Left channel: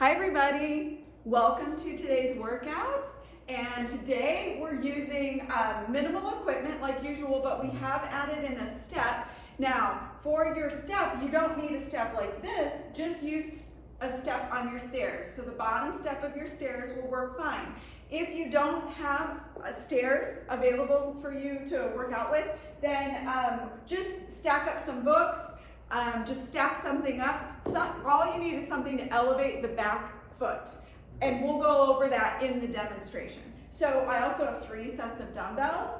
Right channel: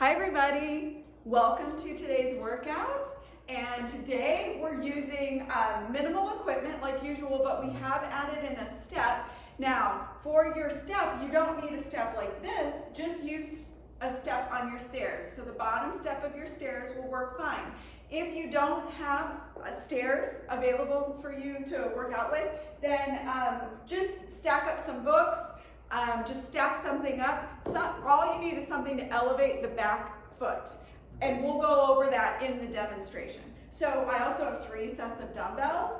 Hi everybody, welcome to today's workout. And today we're using minimal equipment like usual, but we have added in a step. Now, for your step, you don't need a step like this, just use a step on your stairs. So the bottom step of your stairs will work fine. If you don't have stairs available for you to work out with, then just stack up some books. Just stack something up. All you need is something to elevate the back foot. And we'll go over that in the demonstration. So I also have 3 sets of dumbbells,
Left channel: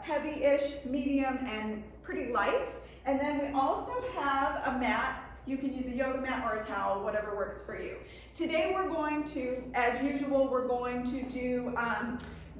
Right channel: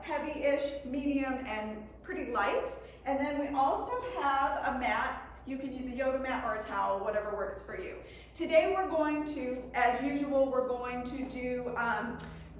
heavy-ish, medium, and pretty light. And then we also have a mat. You can use a yoga mat or a towel, whatever works for you. Today we're going to, as usual, we're going to do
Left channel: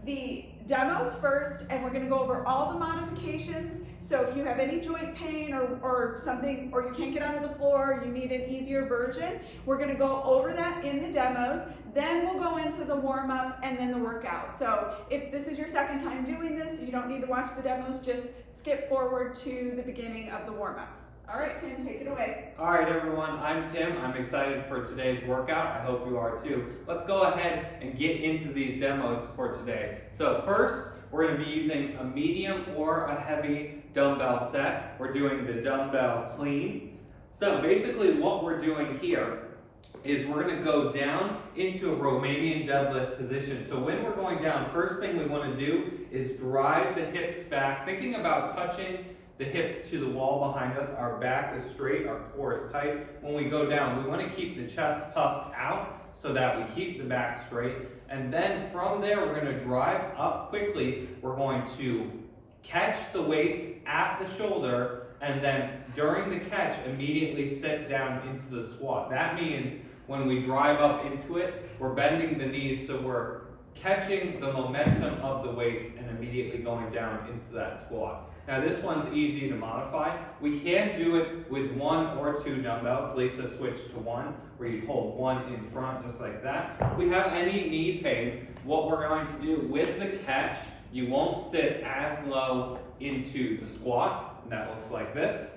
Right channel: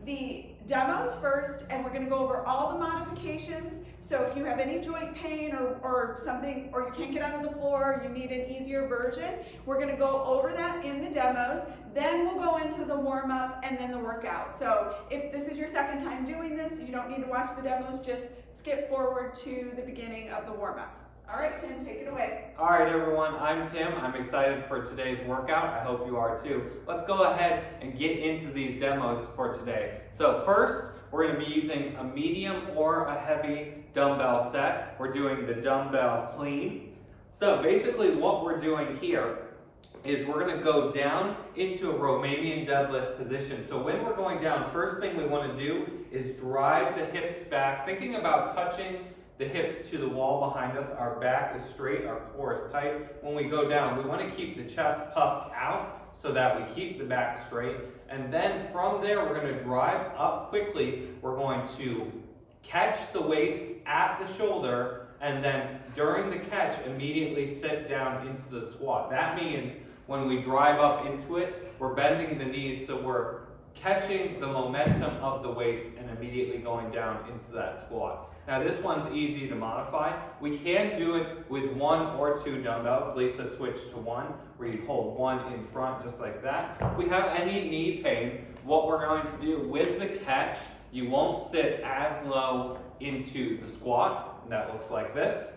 the demos first, and we're going to go over all the modifications. So if you have any joint pain or something, or you can't get onto the floor, you need an easier version, we're going to go over that in the demos. Then we'll go into the warm-up and then the workout. So if this is your second time doing this, you don't need to watch the demos, just skip forward to the beginning of the warm-up. All right, Tim, take it away. All right, everyone, I'm Tim. I'm excited for today's workout. I hope you are too. Let's go ahead and get into these demos for today. So first, we're going to be using a medium or a heavy dumbbell set. We're doing the dumbbell clean. So basically what we're doing here is we're going to go down into a Romanian deadlift position. So when we're going down, first thing we want to do is drive the hips back, thinking about touching the hips to the wall behind us. Our back is straight, our core is tight. When we go down, we want to keep the chest puffed out so that we keep the back straight. And then from there, we're going to drive up quickly. We're going to catch the weights at the shoulder, and then during the catch, immediately sit down into the squat. That means when we drive up into it, we're bending the knees so we're catching the momentum of the weights and immediately going down into that squat. Now this one's easy to modify. We can do it with 1 or 2 dumbbells. Lisa switched to 1, where you hold 1 in front just like that. If we have any knee pain, what we're going to do with the catch, you won't sit as low into the squat, and that looks like this,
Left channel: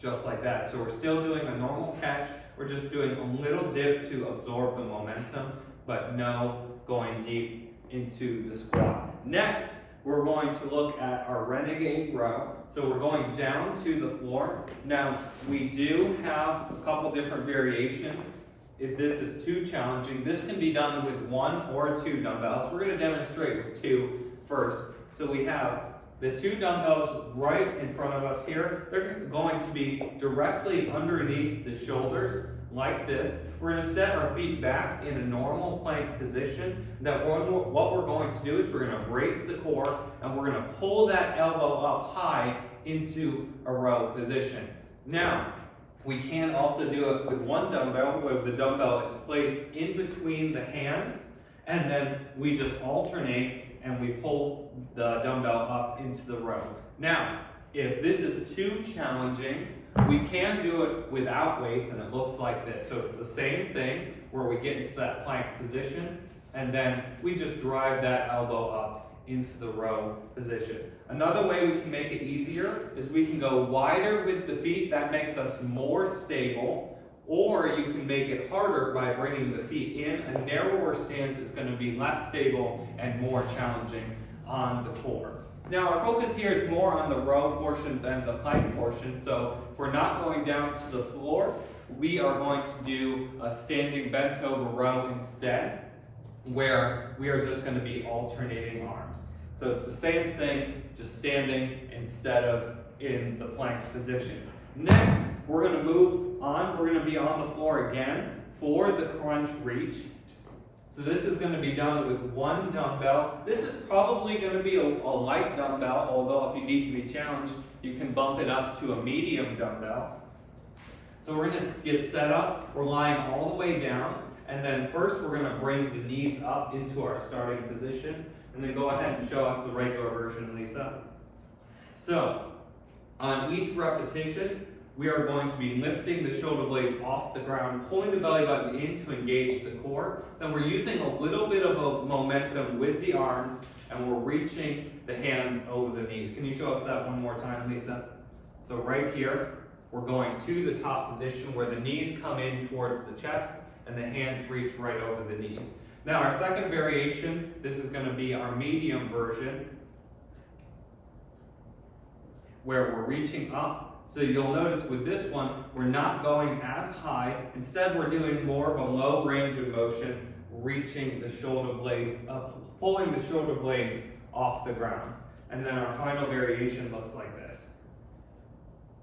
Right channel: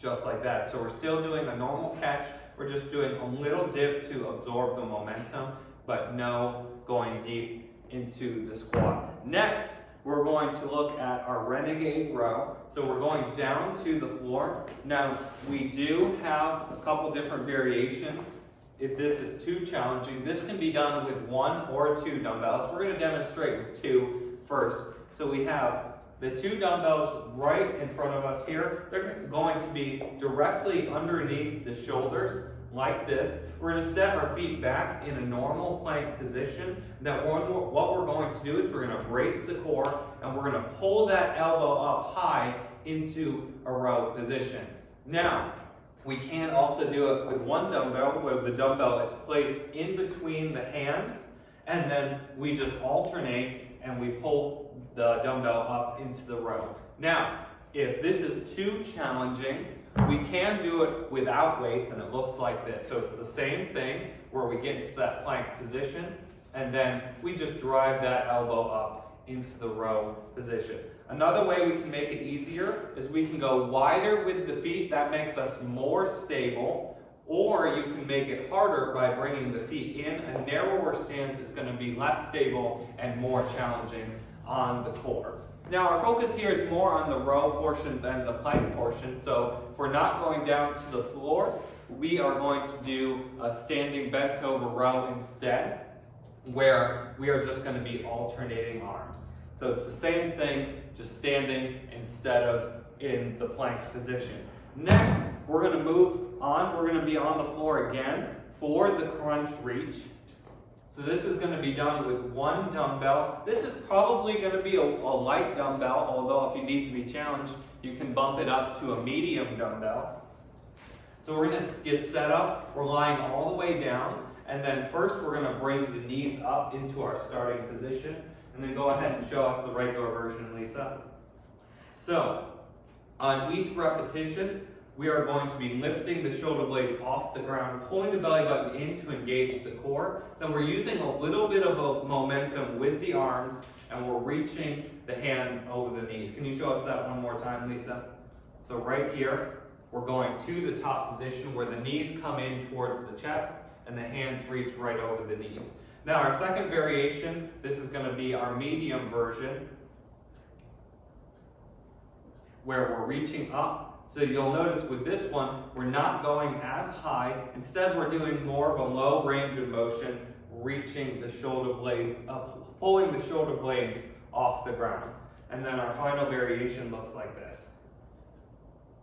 just like that. So we're still doing a normal catch. We're just doing a little dip to absorb the momentum, but no going deep into the squat. Next, we're going to look at our renegade row. So we're going down to the floor. Now, we do have a couple different variations. If this is too challenging, this can be done with 1 or 2 dumbbells. We're going to demonstrate with 2 first. So we have the 2 dumbbells right in front of us here. They're going to be directly underneath the shoulders, like this. We're going to set our feet back in a normal plank position. What we're going to do is we're going to brace the core, and we're going to pull that elbow up high into a row position. Now, we can also do it with 1 dumbbell, where the dumbbell is placed in between the hands, and then we just alternate and we pull the dumbbell up into the row. Now, if this is too challenging, we can do it without weights, and it looks like this. So it's the same thing where we get into that plank position, and then we just drive that elbow up into the row position. Another way we can make it easier is we can go wider with the feet. That makes us more stable. Or you can make it harder by bringing the feet in. A narrower stance is going to be less stable and more challenging on the core. Now our focus here is more on the row portion than the plank portion. So if we're not going down to the floor, we are going to do a standing bent over row instead, where we are just going to be alternating arms. So it's the same thing, just standing instead of in the plank position. Next, we're going to move on. We're going to be on the floor again for the crunch reach. So this is going to be done with 1 dumbbell. This is probably going to be a light dumbbell, although if you need to be challenged, you can bump it up to a medium dumbbell. So we're going to get set up. We're lying all the way down. And then first we're going to bring the knees up into our starting position. And then go ahead and show us the regular version, Lisa. So on each repetition, we are going to be lifting the shoulder blades off the ground, pulling the belly button in to engage the core. Then we're using a little bit of a momentum with the arms, and we're reaching the hands over the knees. Can you show us that one more time, Lisa? So right here, we're going to the top position where the knees come in towards the chest, and the hands reach right over the knees. Now our second variation, this is going to be our medium version, where we're reaching up. So you'll notice with this one, we're not going as high. Instead, we're doing more of a low range of motion, reaching the shoulder blades up, pulling the shoulder blades off the ground. And then our final variation looks like this.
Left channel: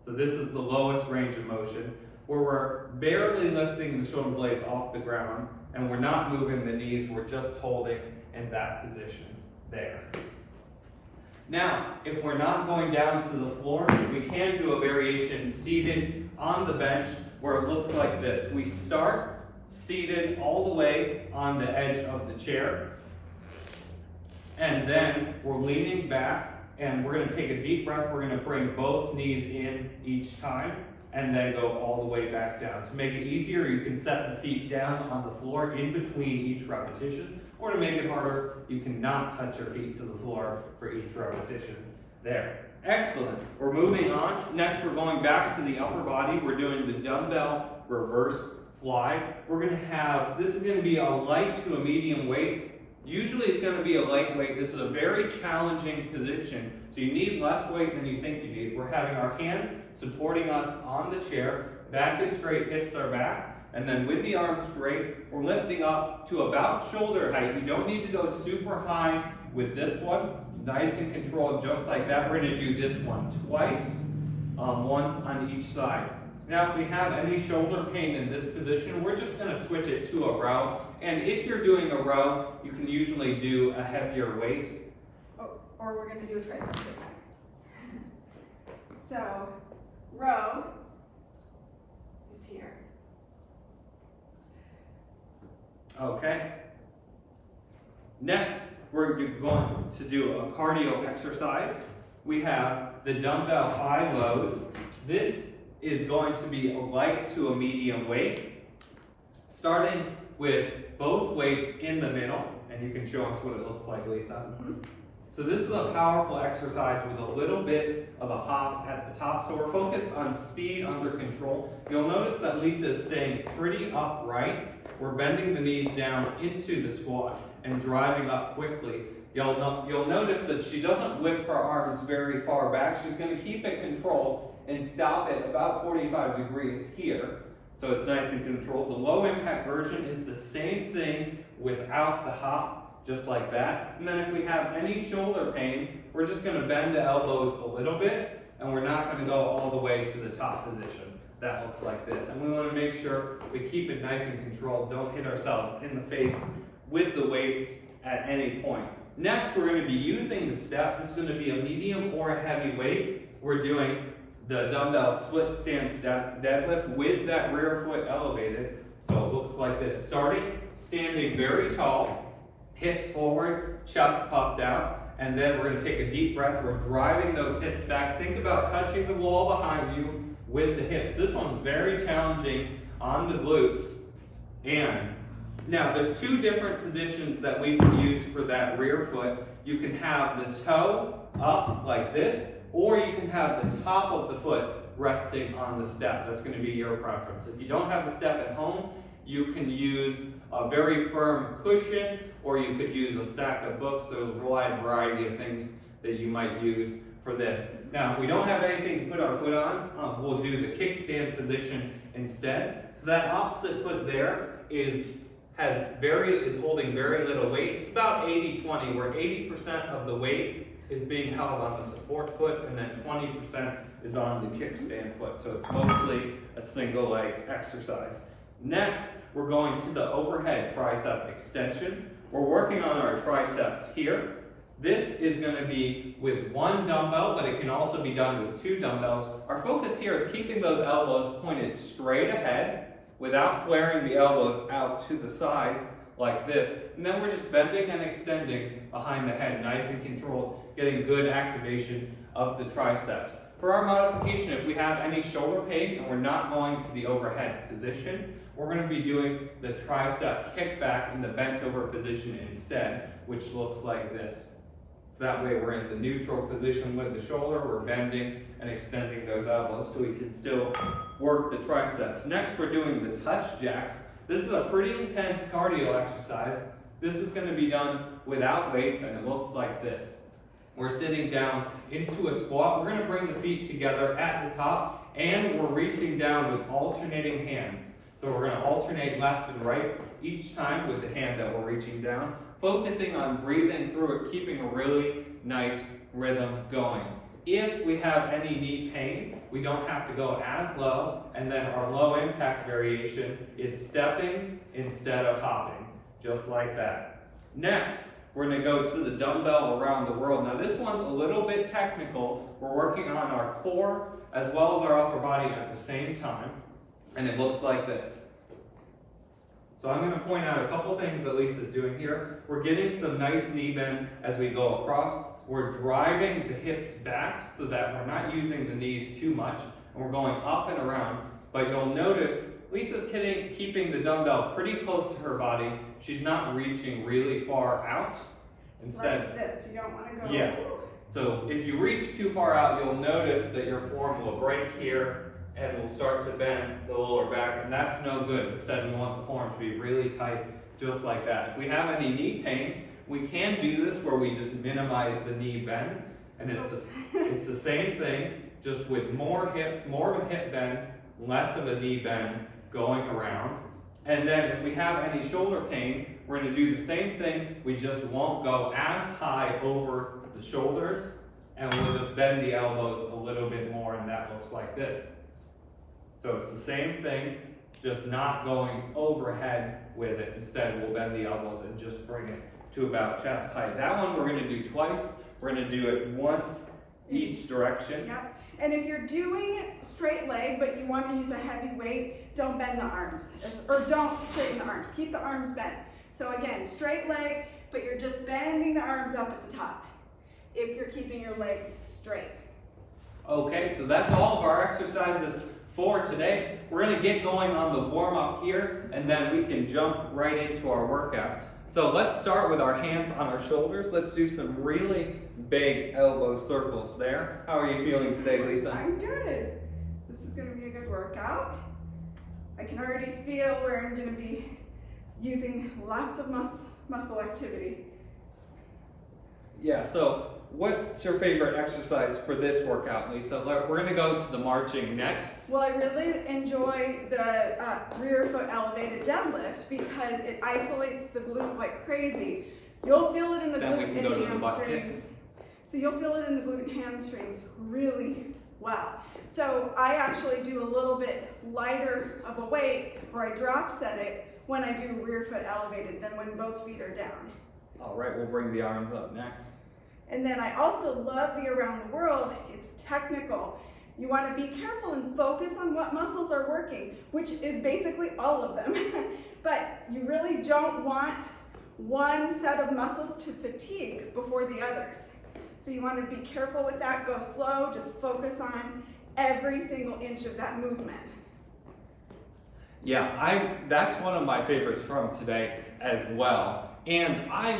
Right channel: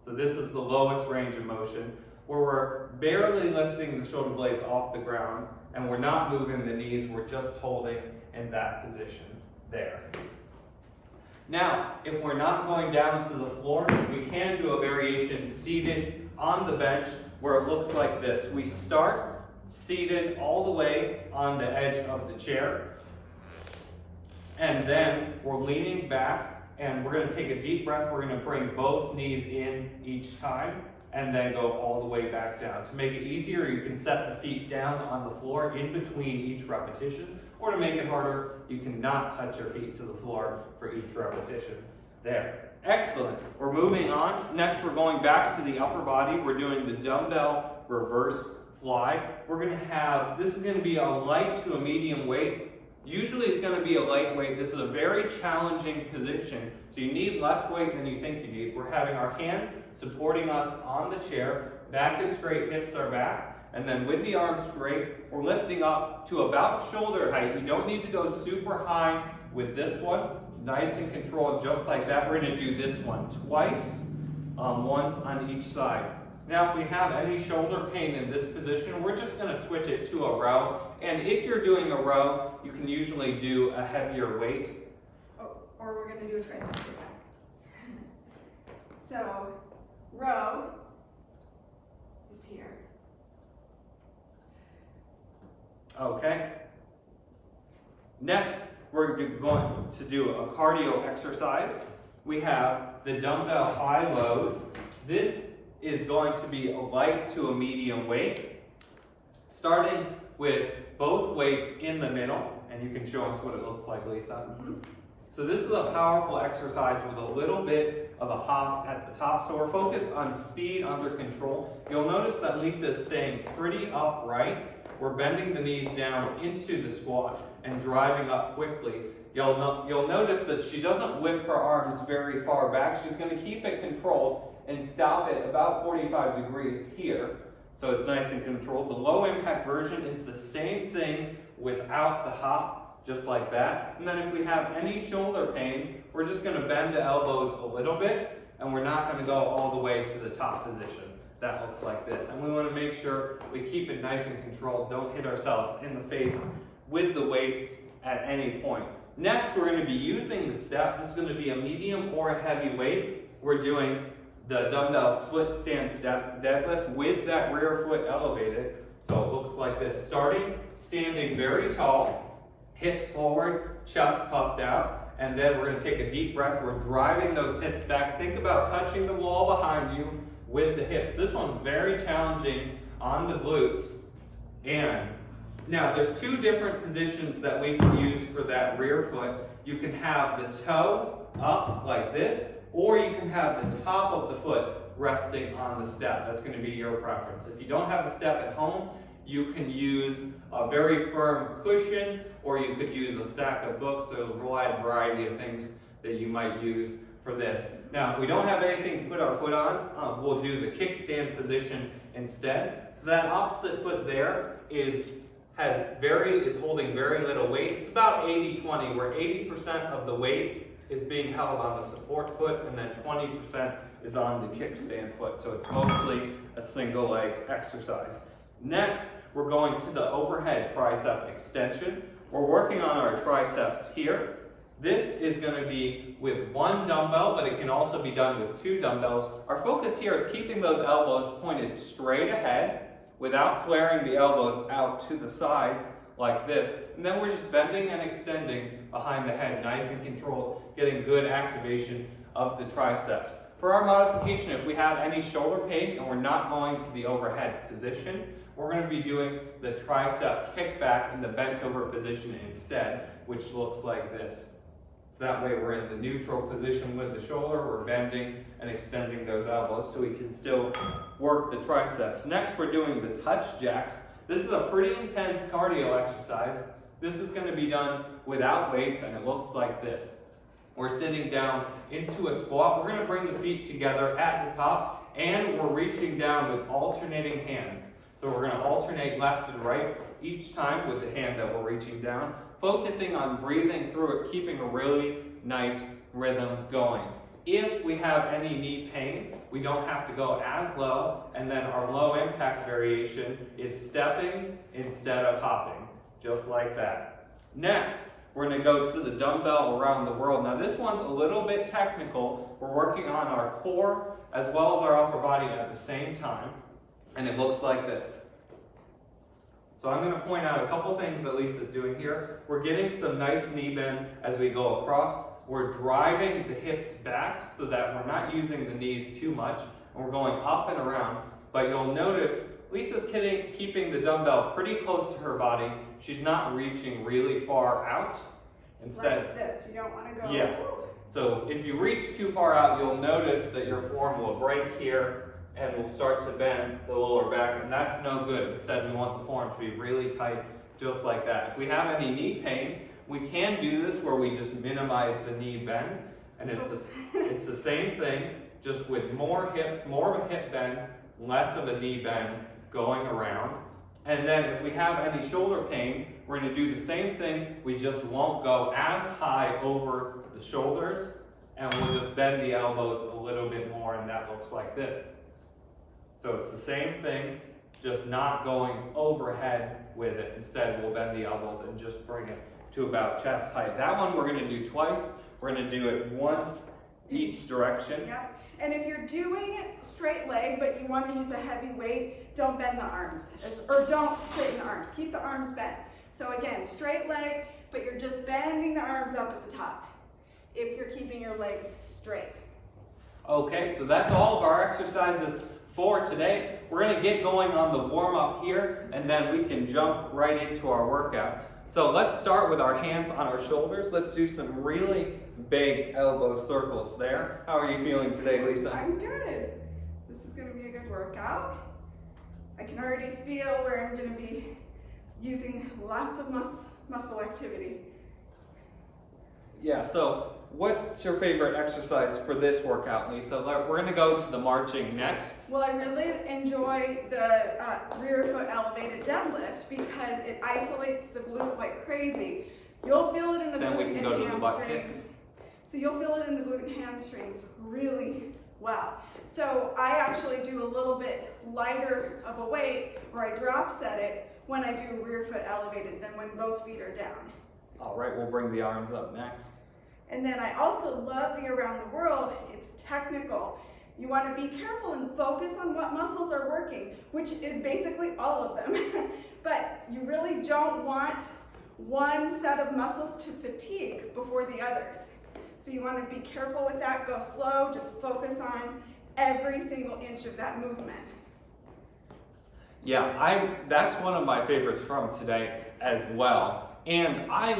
So this is the lowest range of motion, where we're barely lifting the shoulder blades off the ground, and we're not moving the knees, we're just holding in that position there. Now, if we're not going down to the floor, we can do a variation seated on the bench where it looks like this. We start seated all the way on the edge of the chair, and then we're leaning back, and we're going to take a deep breath. We're going to bring both knees in each time, and then go all the way back down. To make it easier, you can set the feet down on the floor in between each repetition, or to make it harder, you can not touch your feet to the floor for each repetition. There. Excellent. We're moving on. Next, we're going back to the upper body. We're doing the dumbbell reverse fly. We're going to have, this is going to be a light to a medium weight. Usually it's going to be a lightweight. This is a very challenging position, so you need less weight than you think you need. We're having our hand supporting us on the chair, back is straight, hips are back, and then with the arms straight, we're lifting up to about shoulder height. You don't need to go super high with this one. Nice and controlled, just like that. We're going to do this one twice, once on each side. Now, if we have any shoulder pain in this position, we're just going to switch it to a row. And if you're doing a row, you can usually do a heavier weight. Oh, or we're going to do a tricep kickback. So, row is here. Okay. Next, we're going to do a cardio exercise. We have the dumbbell high-lows. This is going to be a light to a medium weight, starting with both weights in the middle, and you can show us what it looks like, Lisa. So this is a powerful exercise with a little bit of a hop at the top. So we're focused on speed under control. You'll notice that Lisa is staying pretty upright. We're bending the knees down into the squat and driving up quickly. You'll notice that she doesn't whip her arms very far back. She's going to keep it controlled and stop at about 45 degrees here. So it's nice and controlled. The low impact version is the same thing without the hop, just like that. And then if we have any shoulder pain, we're just going to bend the elbows a little bit, and we're not going to go all the way to the top position. That looks like this. And we want to make sure we keep it nice and controlled. Don't hit ourselves in the face with the weights at any point. Next, we're going to be using the step. This is going to be a medium or a heavy weight. We're doing the dumbbell split stance deadlift with that rear foot elevated. So it looks like this. Standing very tall, hips forward, chest puffed out, and then we're going to take a deep breath. We're driving those hips back. Think about touching the wall behind you with the hips. This one's very challenging on the glutes. And now there's two different positions that we can use for that rear foot. You can have the toe up like this, or you can have the top of the foot resting on the step. That's going to be your preference. If you don't have the step at home, you can use a very firm cushion, or you could use a stack of books. There's a wide variety of things that you might use for this. Now, if we don't have anything to put our foot on, we'll do the kickstand position instead. So that opposite foot there is holding very little weight. It's about 80-20, where 80% of the weight is being held on the support foot, and then 20% is on the kickstand foot. So it's mostly a single leg exercise. Next, we're going to the overhead tricep extension. We're working on our triceps here. This is going to be with one dumbbell, but it can also be done with two dumbbells. Our focus here is keeping those elbows pointed straight ahead without flaring the elbows out to the side like this. And then we're just bending and extending behind the head, nice and controlled, getting good activation of the triceps. For our modification, if we have any shoulder pain and we're not going to the overhead position, we're going to be doing the tricep kickback in the bent over position instead, which looks like this. So that way we're in the neutral position with the shoulder, we're bending and extending those elbows so we can still work the triceps. Next, we're doing the touch jacks. This is a pretty intense cardio exercise. This is going to be done without weights, and it looks like this. We're sitting down into a squat. We're going to bring the feet together at the top, and we're reaching down with alternating hands. So we're going to alternate left and right each time with the hand that we're reaching down, focusing on breathing through it, keeping a really nice rhythm going. If we have any knee pain, we don't have to go as low, and then our low impact variation is stepping instead of hopping, just like that. Next, we're going to go to the dumbbell around the world. Now this one's a little bit technical. We're working on our core as well as our upper body at the same time, and it looks like this. So I'm going to point out a couple things that Lisa's doing here. We're getting some nice knee bend as we go across. We're driving the hips back so that we're not using the knees too much, and we're going up and around. But you'll notice Lisa's keeping the dumbbell pretty close to her body. She's not reaching really far out. Instead, like this, you don't want to go. Yeah. So if you reach too far out, you'll notice that your form will break here and will start to bend the lower back, and that's no good. Instead, we want the form to be really tight, just like that. If we have any knee pain, we can do this where we just minimize the knee bend, and it's the same thing, just with more hips, more of a hip bend, less of a knee bend going around. And then if we have any shoulder pain, we're going to do the same thing. We just won't go as high over the shoulders, and we'll just bend the elbows a little bit more, and that looks like this. So it's the same thing, just not going overhead with it. Instead, we'll bend the elbows and just bring it to about chest height. That one we're going to do twice. We're going to do it once each direction. Yep. And if you're doing straight leg, but you want to use a heavy weight, don't bend the arms, or don't straighten the arms. Keep the arms bent. So again, straight leg, but you're just bending the arms up at the top if you're keeping your legs straight. Okay, so that's all of our exercises for today. We're going to get going on the warm-up here, and then we can jump right into our workout. So let's start with our hands on our shoulders. Let's do some really big elbow circles there. How are you feeling today, Lisa? I'm good. This is going to be a good workout. I can already feel where I'm going to be using lots of muscle activity. Yeah, so what's your favorite exercise for this workout, Lisa? We're going to go to the marching next. Well, I really enjoy the rear foot elevated deadlift because it isolates the glute like crazy. You'll feel it in the Then we glute can go to the and butt hamstrings. kicks. So you'll feel it in the glute and hamstrings really well. So I actually do a little bit lighter of a weight, or I drop set it when I do rear foot elevated than when both feet are down. All right, we'll bring the arms up next. And then I also love the around the world. It's technical. You want to be careful and focus on what muscles are working, which is basically all of them. But you really don't want one set of muscles to fatigue before the others. So you want to be careful with that. Go slow. Just focus on every single inch of that movement. Yeah, that's one of my favorites from today as well. And I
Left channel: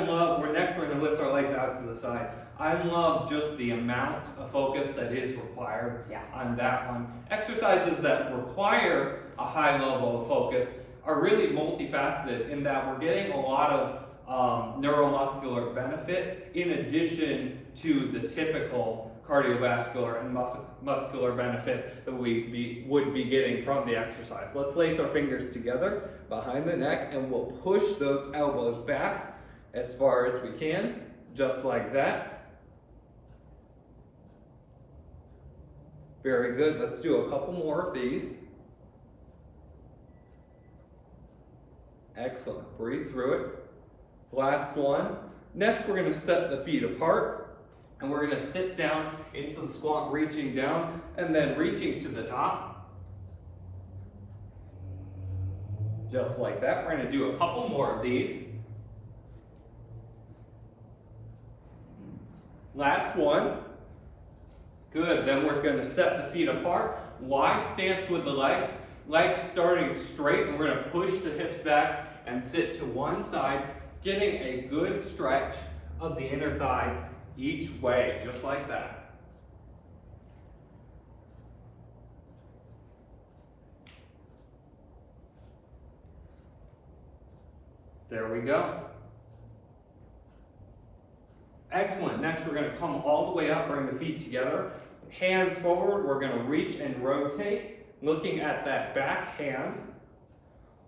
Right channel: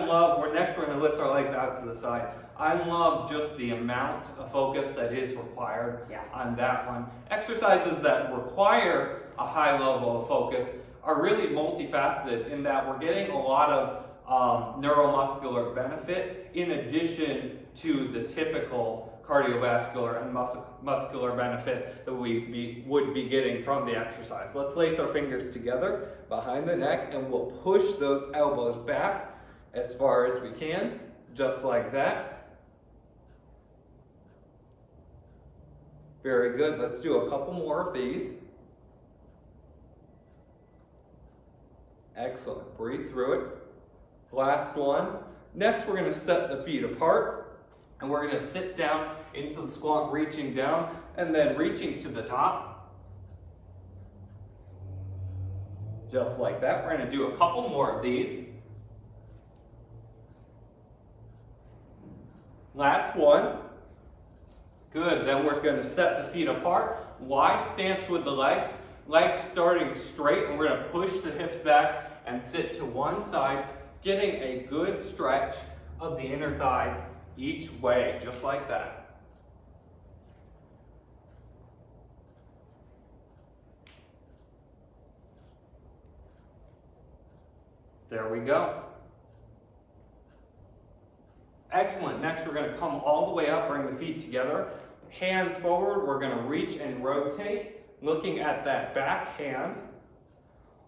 love, we're going to lift our legs out to the side. I love just the amount of focus that is required on that one. Exercises that require a high level of focus are really multifaceted in that we're getting a lot of neuromuscular benefit in addition to the typical cardiovascular and muscular benefit that we would be getting from the exercise. Let's lace our fingers together behind the neck, and we'll push those elbows back as far as we can, just like that. Very good. Let's do a couple more of these. Excellent. Breathe through it. Last one. Next, we're going to set the feet apart. And we're going to sit down into the squat, reaching down, and then reaching to the top. Just like that. We're going to do a couple more of these. Last one. Good. Then we're going to set the feet apart. Wide stance with the legs. Legs starting straight, and we're going to push the hips back and sit to one side, getting a good stretch of the inner thigh each way, just like that. There we go. Excellent. Next, we're going to come all the way up, bring the feet together. Hands forward. We're going to reach and rotate, looking at that back hand,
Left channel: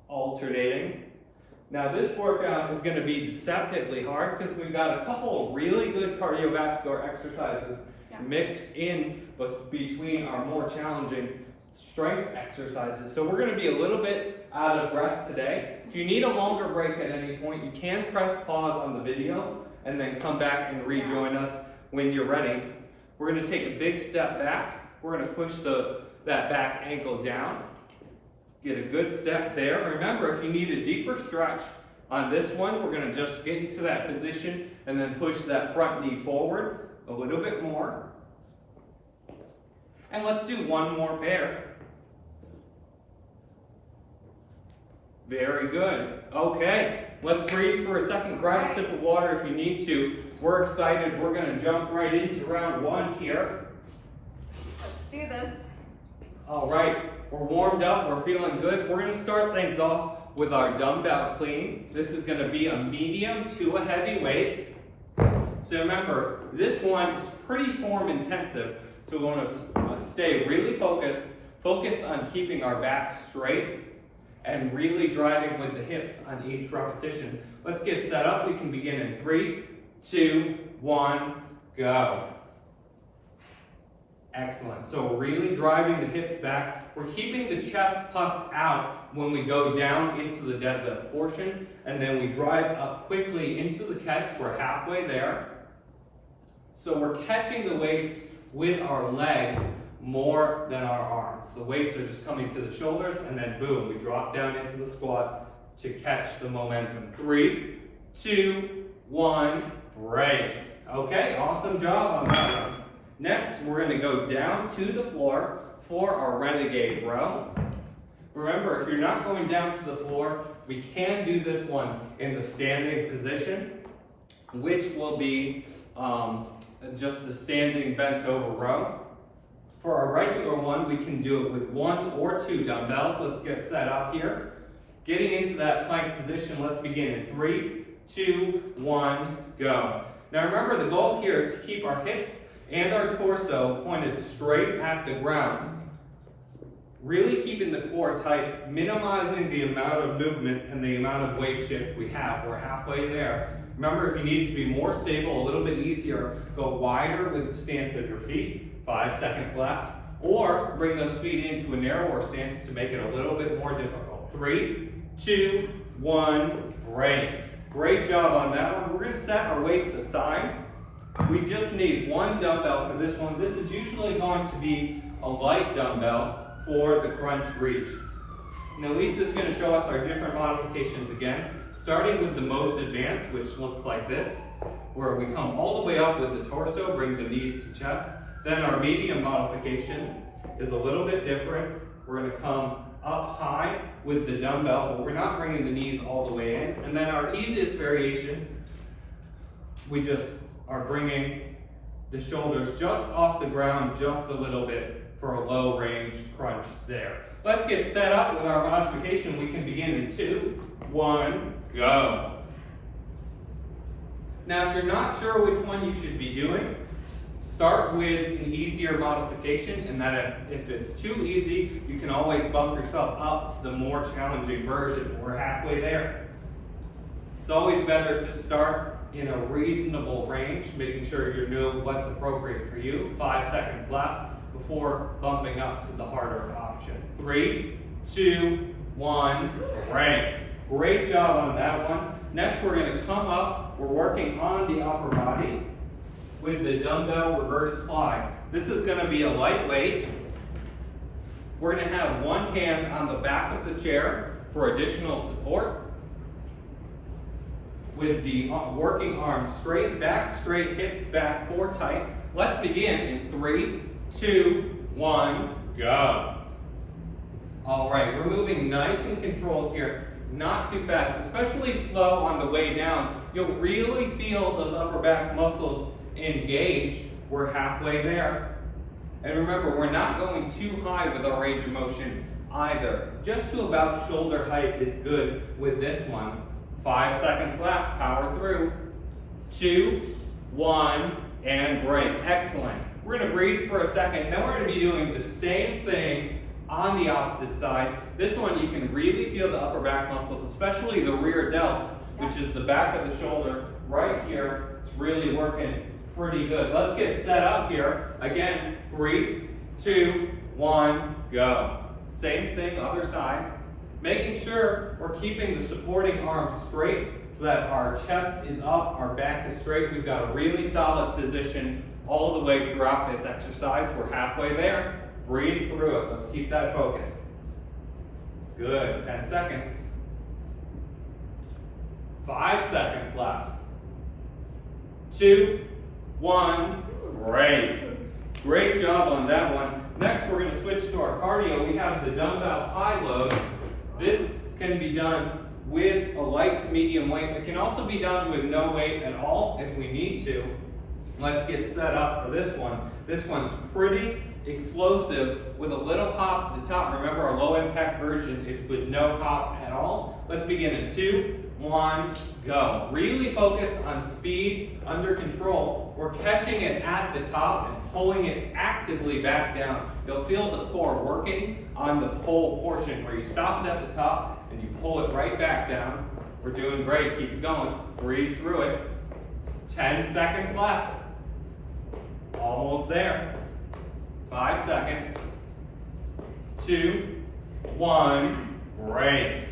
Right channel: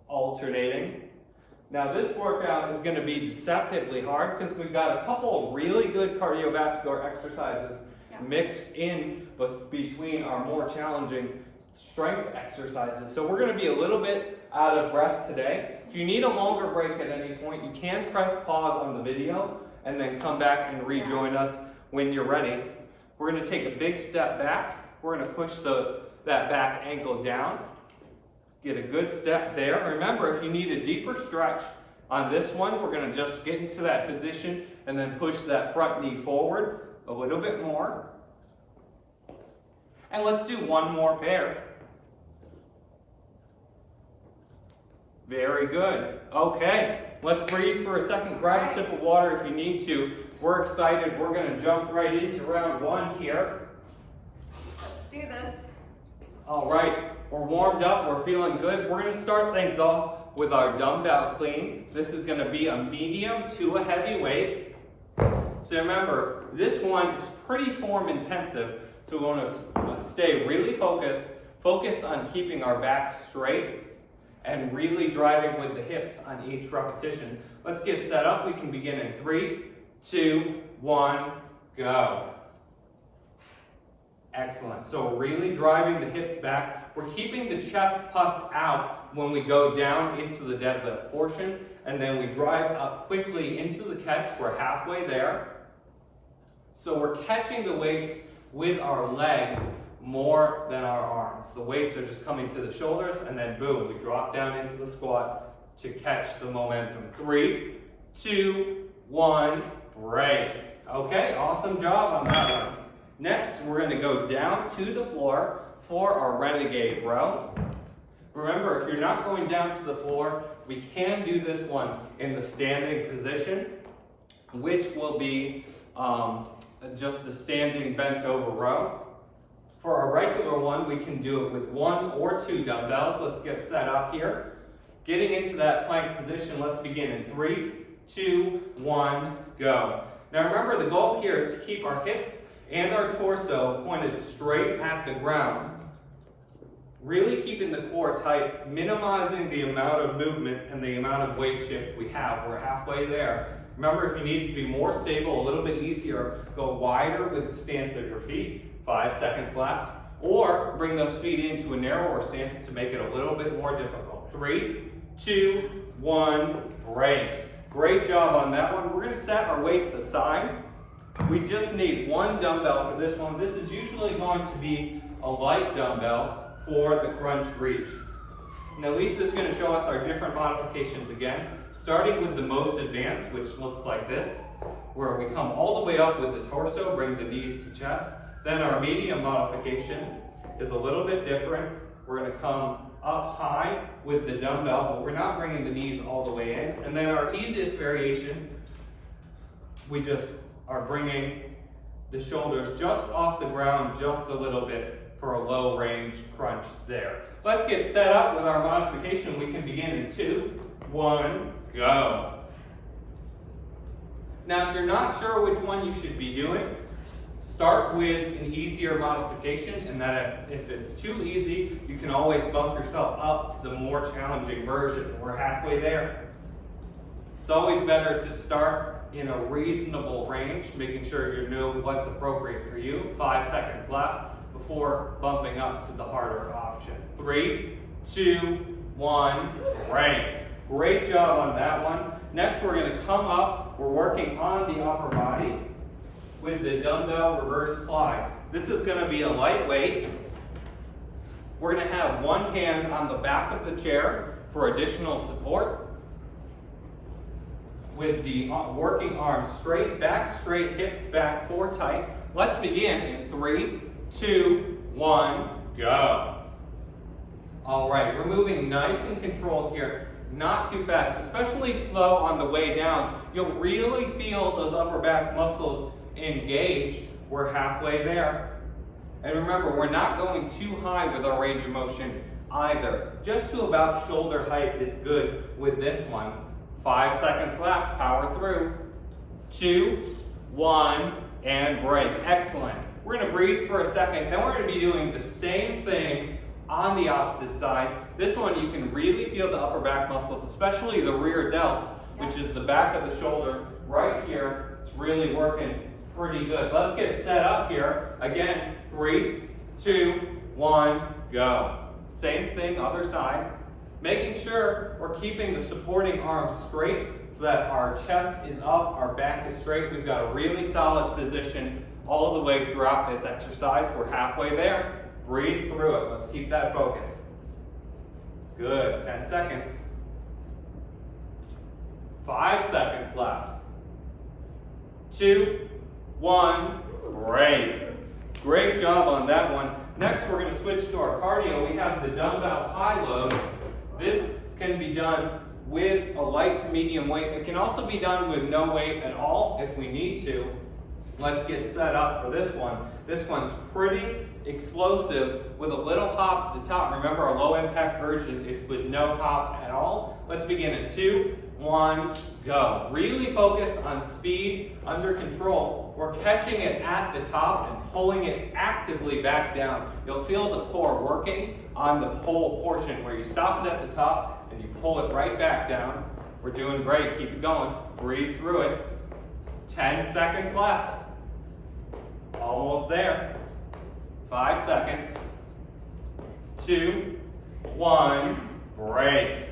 alternating. Now, this workout is going to be deceptively hard because we've got a couple of really good cardiovascular exercises mixed in between our more challenging strength exercises. So we're going to be a little bit out of breath today. If you need a longer break at any point, you can press pause on the video and then come back and rejoin us when you're ready. We're going to take a big step back. We're going to push that back ankle down. Get a good step there. Remember, if you need a deeper stretch on this one, we're going to just get into that position and then push that front knee forward a little bit more. And let's do one more pair. Very good. Okay, let's breathe for a second. Grab a sip of water if you need to. We're excited. We're going to jump right into round one here. Let's do this. All right, we're warmed up. We're feeling good. We're going to start things off with our dumbbell clean. This is going to be a medium to a heavy weight. So remember, this one is pretty form intensive. So we want to stay really focused on keeping our back straight and really driving with the hips on each repetition. Let's get set up. We can begin in 3, 2, 1, go. Excellent. So we're really driving the hips back. We're keeping the chest puffed out when we go down into the deadlift portion, and then we drive up quickly into the catch. We're halfway there. So we're catching the weights with our legs more than our arms. The weights are just coming to the shoulders, and then boom, we drop down into the squat to catch the momentum. 3, 2, 1, break. Okay, awesome job on that one. Next, we're going to go down to the floor for our renegade row. Remember, if you're not going down to the floor, we can do this one in the standing position, which will be just the standing bent over row. For our regular one, we can do it with 1 or 2 dumbbells. Let's get set up here. Getting into that plank position, let's begin in 3, 2, 1, go. Now remember, the goal here is to keep our hips and our torso pointed straight at the ground. Really keeping the core tight, minimizing the amount of movement and the amount of weight shift we have. We're halfway there. Remember, if you need to be more stable, a little bit easier, go wider with the stance of your feet. 5 seconds left. Or bring those feet into a narrower stance to make it a little bit more difficult. 3, 2, 1, break. Great job on that one. We're going to set our weights aside. We just need 1 dumbbell for this one. This is usually going to be a light dumbbell for the crunch reach. Now Lisa's going to show us our different modifications again, starting with the most advanced, which looks like this, where we come all the way up with the torso, bring the knees to chest. Then our medium modification is a little bit different. We're going to come up high with the dumbbell, but we're not bringing the knees all the way in. And then our easiest variation, we just are bringing the shoulders just off the ground just a little bit for a low range crunch there. Let's get set up with our modification. We can begin in 2, 1, go. Now, if you're not sure which one you should be doing, start with an easier modification, and that if it's too easy, you can always bump yourself up to the more challenging version. We're halfway there. It's always better to start in a reasonable range, making sure you know what's appropriate for you. 5 seconds left before bumping up to the harder option. 3, 2, 1, break. Great job on that one. Next, we're going to come up. We're working on the upper body with the dumbbell reverse fly. This is going to be a lightweight. We're going to have one hand on the back of the chair for additional support, with the working arms straight, back straight, hips back, core tight. Let's begin in 3, 2, 1, go. All right, we're moving nice and controlled here, not too fast, especially slow on the way down. You'll really feel those upper back muscles engaged. We're halfway there. And remember, we're not going too high with our range of motion either. Just to about shoulder height is good with this one. 5 seconds left, power through. 2, 1, and break. Excellent. We're gonna breathe for a second. Now we're gonna be doing the same thing on the opposite side. This one you can really feel the upper back muscles, especially the rear delts, which is the back of the shoulder right here. It's really working pretty good. Let's get set up here. Again, 3, 2, 1, go. Same thing, other side. Making sure we're keeping the supporting arms straight so that our chest is up, our back is straight. We've got a really solid position all the way throughout this exercise. We're halfway there. Breathe through it. Let's keep that focus. Good. 10 seconds. 5 seconds left. 2, 1, break. Great job on that one. Next, we're going to switch to our cardio. We have the dumbbell high load. This can be done with a light to medium weight. It can also be done with no weight at all if we need to. Let's get set up for this one. This one's pretty explosive with a little hop at the top. Remember, our low impact version is with no hop at all. Let's begin in 2, 1, go. Really focused on speed, under control. We're catching it at the top and pulling it actively back down. You'll feel the core working on the pull portion where you stop it at the top and you pull it right back down. We're doing great. Keep it going. Breathe through it. 10 seconds left. Almost there. 5 seconds. 2, 1, break.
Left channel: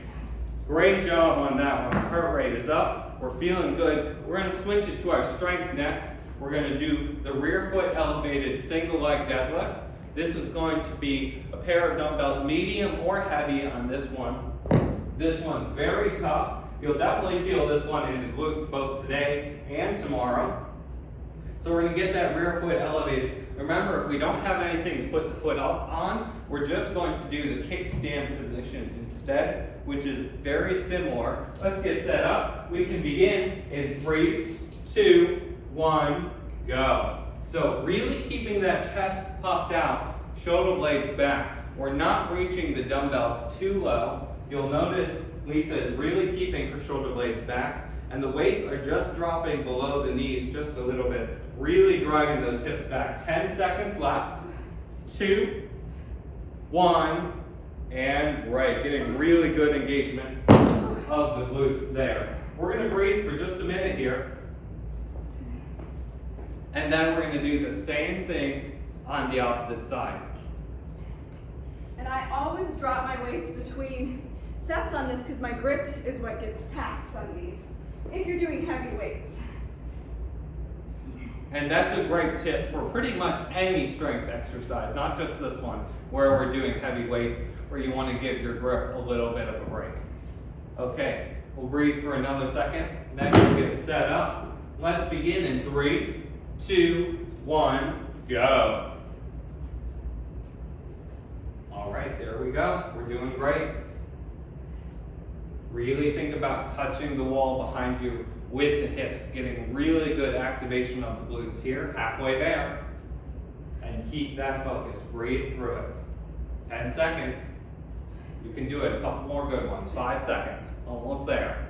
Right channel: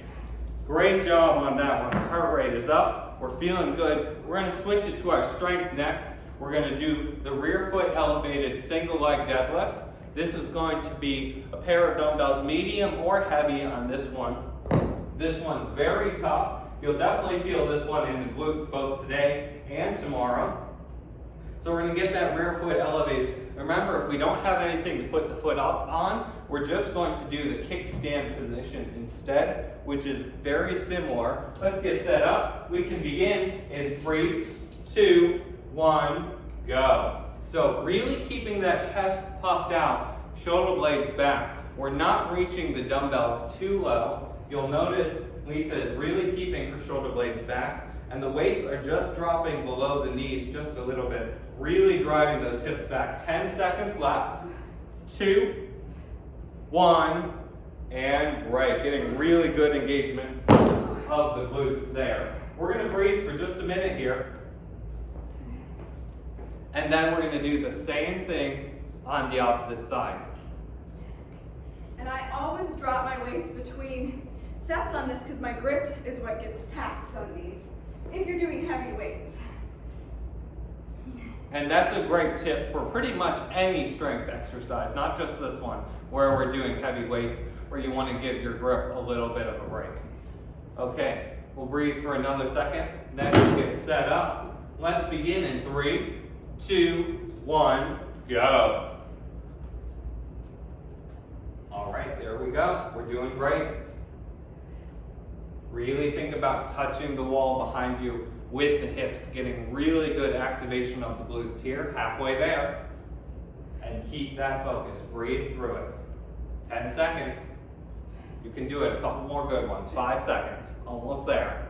Great job on that one. Heart rate is up. We're feeling good. We're going to switch it to our strength next. We're going to do the rear foot elevated single leg deadlift. This is going to be a pair of dumbbells, medium or heavy on this one. This one's very tough. You'll definitely feel this one in the glutes both today and tomorrow. So we're going to get that rear foot elevated. Remember, if we don't have anything to put the foot up on, we're just going to do the kickstand position instead, which is very similar. Let's get set up. We can begin in 3, 2, 1, go. So really keeping that chest puffed out, shoulder blades back. We're not reaching the dumbbells too low. You'll notice Lisa is really keeping her shoulder blades back, and the weights are just dropping below the knees just a little bit, really driving those hips back. 10 seconds left. 2, 1, and break. Getting really good engagement of the glutes there. We're going to breathe for just a minute here, and then we're going to do the same thing on the opposite side. And I always drop my weights between sets on this because my grip is what gets taxed on these if you're doing heavy weights. And that's a great tip for pretty much any strength exercise, not just this one, where we're doing heavy weights, where you want to give your grip a little bit of a break. Okay, we'll breathe for another second, then we'll get set up. Let's begin in 3, 2, 1, go. All right, there we go. We're doing great. Really think about touching the wall behind you with the hips, getting really good activation of the glutes here, halfway there. And keep that focus. Breathe through it. 10 seconds. You can do it. A couple more good ones. 5 seconds. Almost there.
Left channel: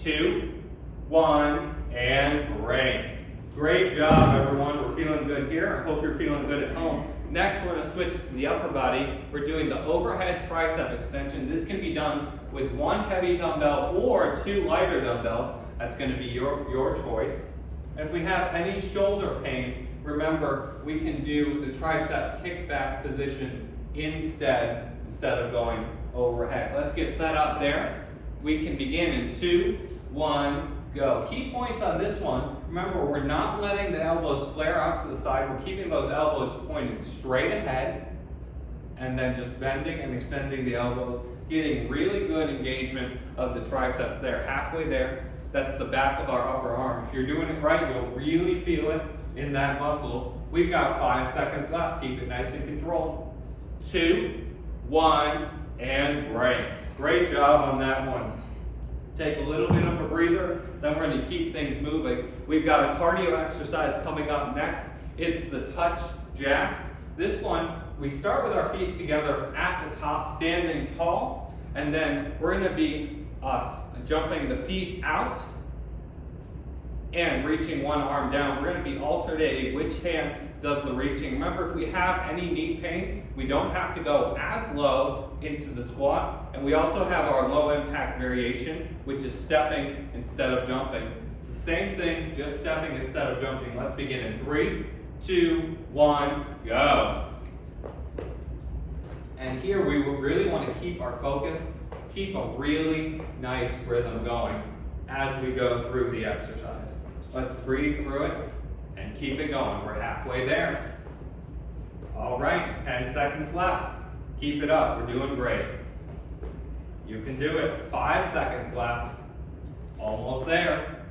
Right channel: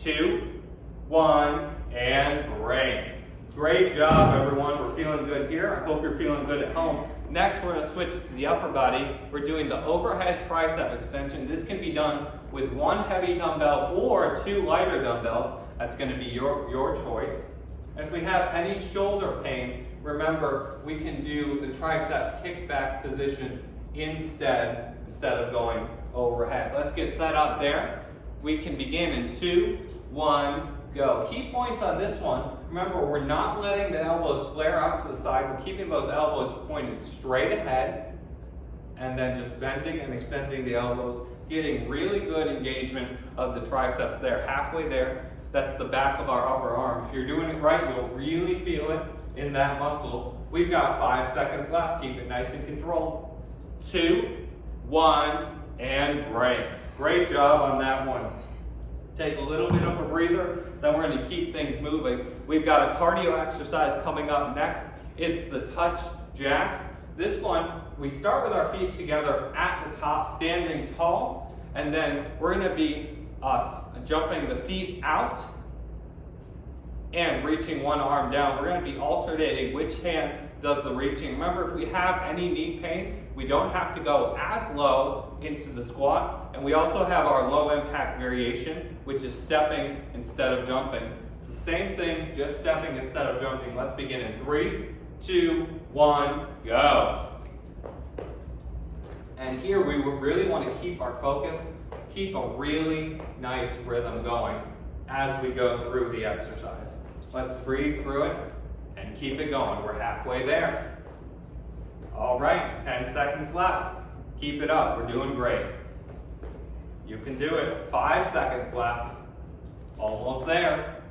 2, 1, and break. Great job, everyone. We're feeling good here. I hope you're feeling good at home. Next, we're going to switch to the upper body. We're doing the overhead tricep extension. This can be done with 1 heavy dumbbell or 2 lighter dumbbells. That's going to be your choice. If we have any shoulder pain, remember we can do the tricep kickback position instead of going overhead. Let's get set up there. We can begin in 2, 1, go. Key points on this one. Remember, we're not letting the elbows flare out to the side. We're keeping those elbows pointing straight ahead and then just bending and extending the elbows, getting really good engagement of the triceps there. Halfway there, that's the back of our upper arm. If you're doing it right, you'll really feel it in that muscle. We've got 5 seconds left. Keep it nice and controlled. 2, 1, and break. Great job on that one. Take a little bit of a breather, then we're going to keep things moving. We've got a cardio exercise coming up next. It's the touch jacks. This one, we start with our feet together at the top, standing tall, And then we're going to be jumping the feet out and reaching one arm down. We're going to be alternating which hand does the reaching. Remember, if we have any knee pain, we don't have to go as low into the squat. And we also have our low impact variation, which is stepping instead of jumping. It's the same thing, just stepping instead of jumping. Let's begin in 3, 2, 1, go. And here we really want to keep our focus, keep a really nice rhythm going as we go through the exercise. Let's breathe through it and keep it going. We're halfway there. All right, 10 seconds left. Keep it up, we're doing great. You can do it. 5 seconds left. Almost there.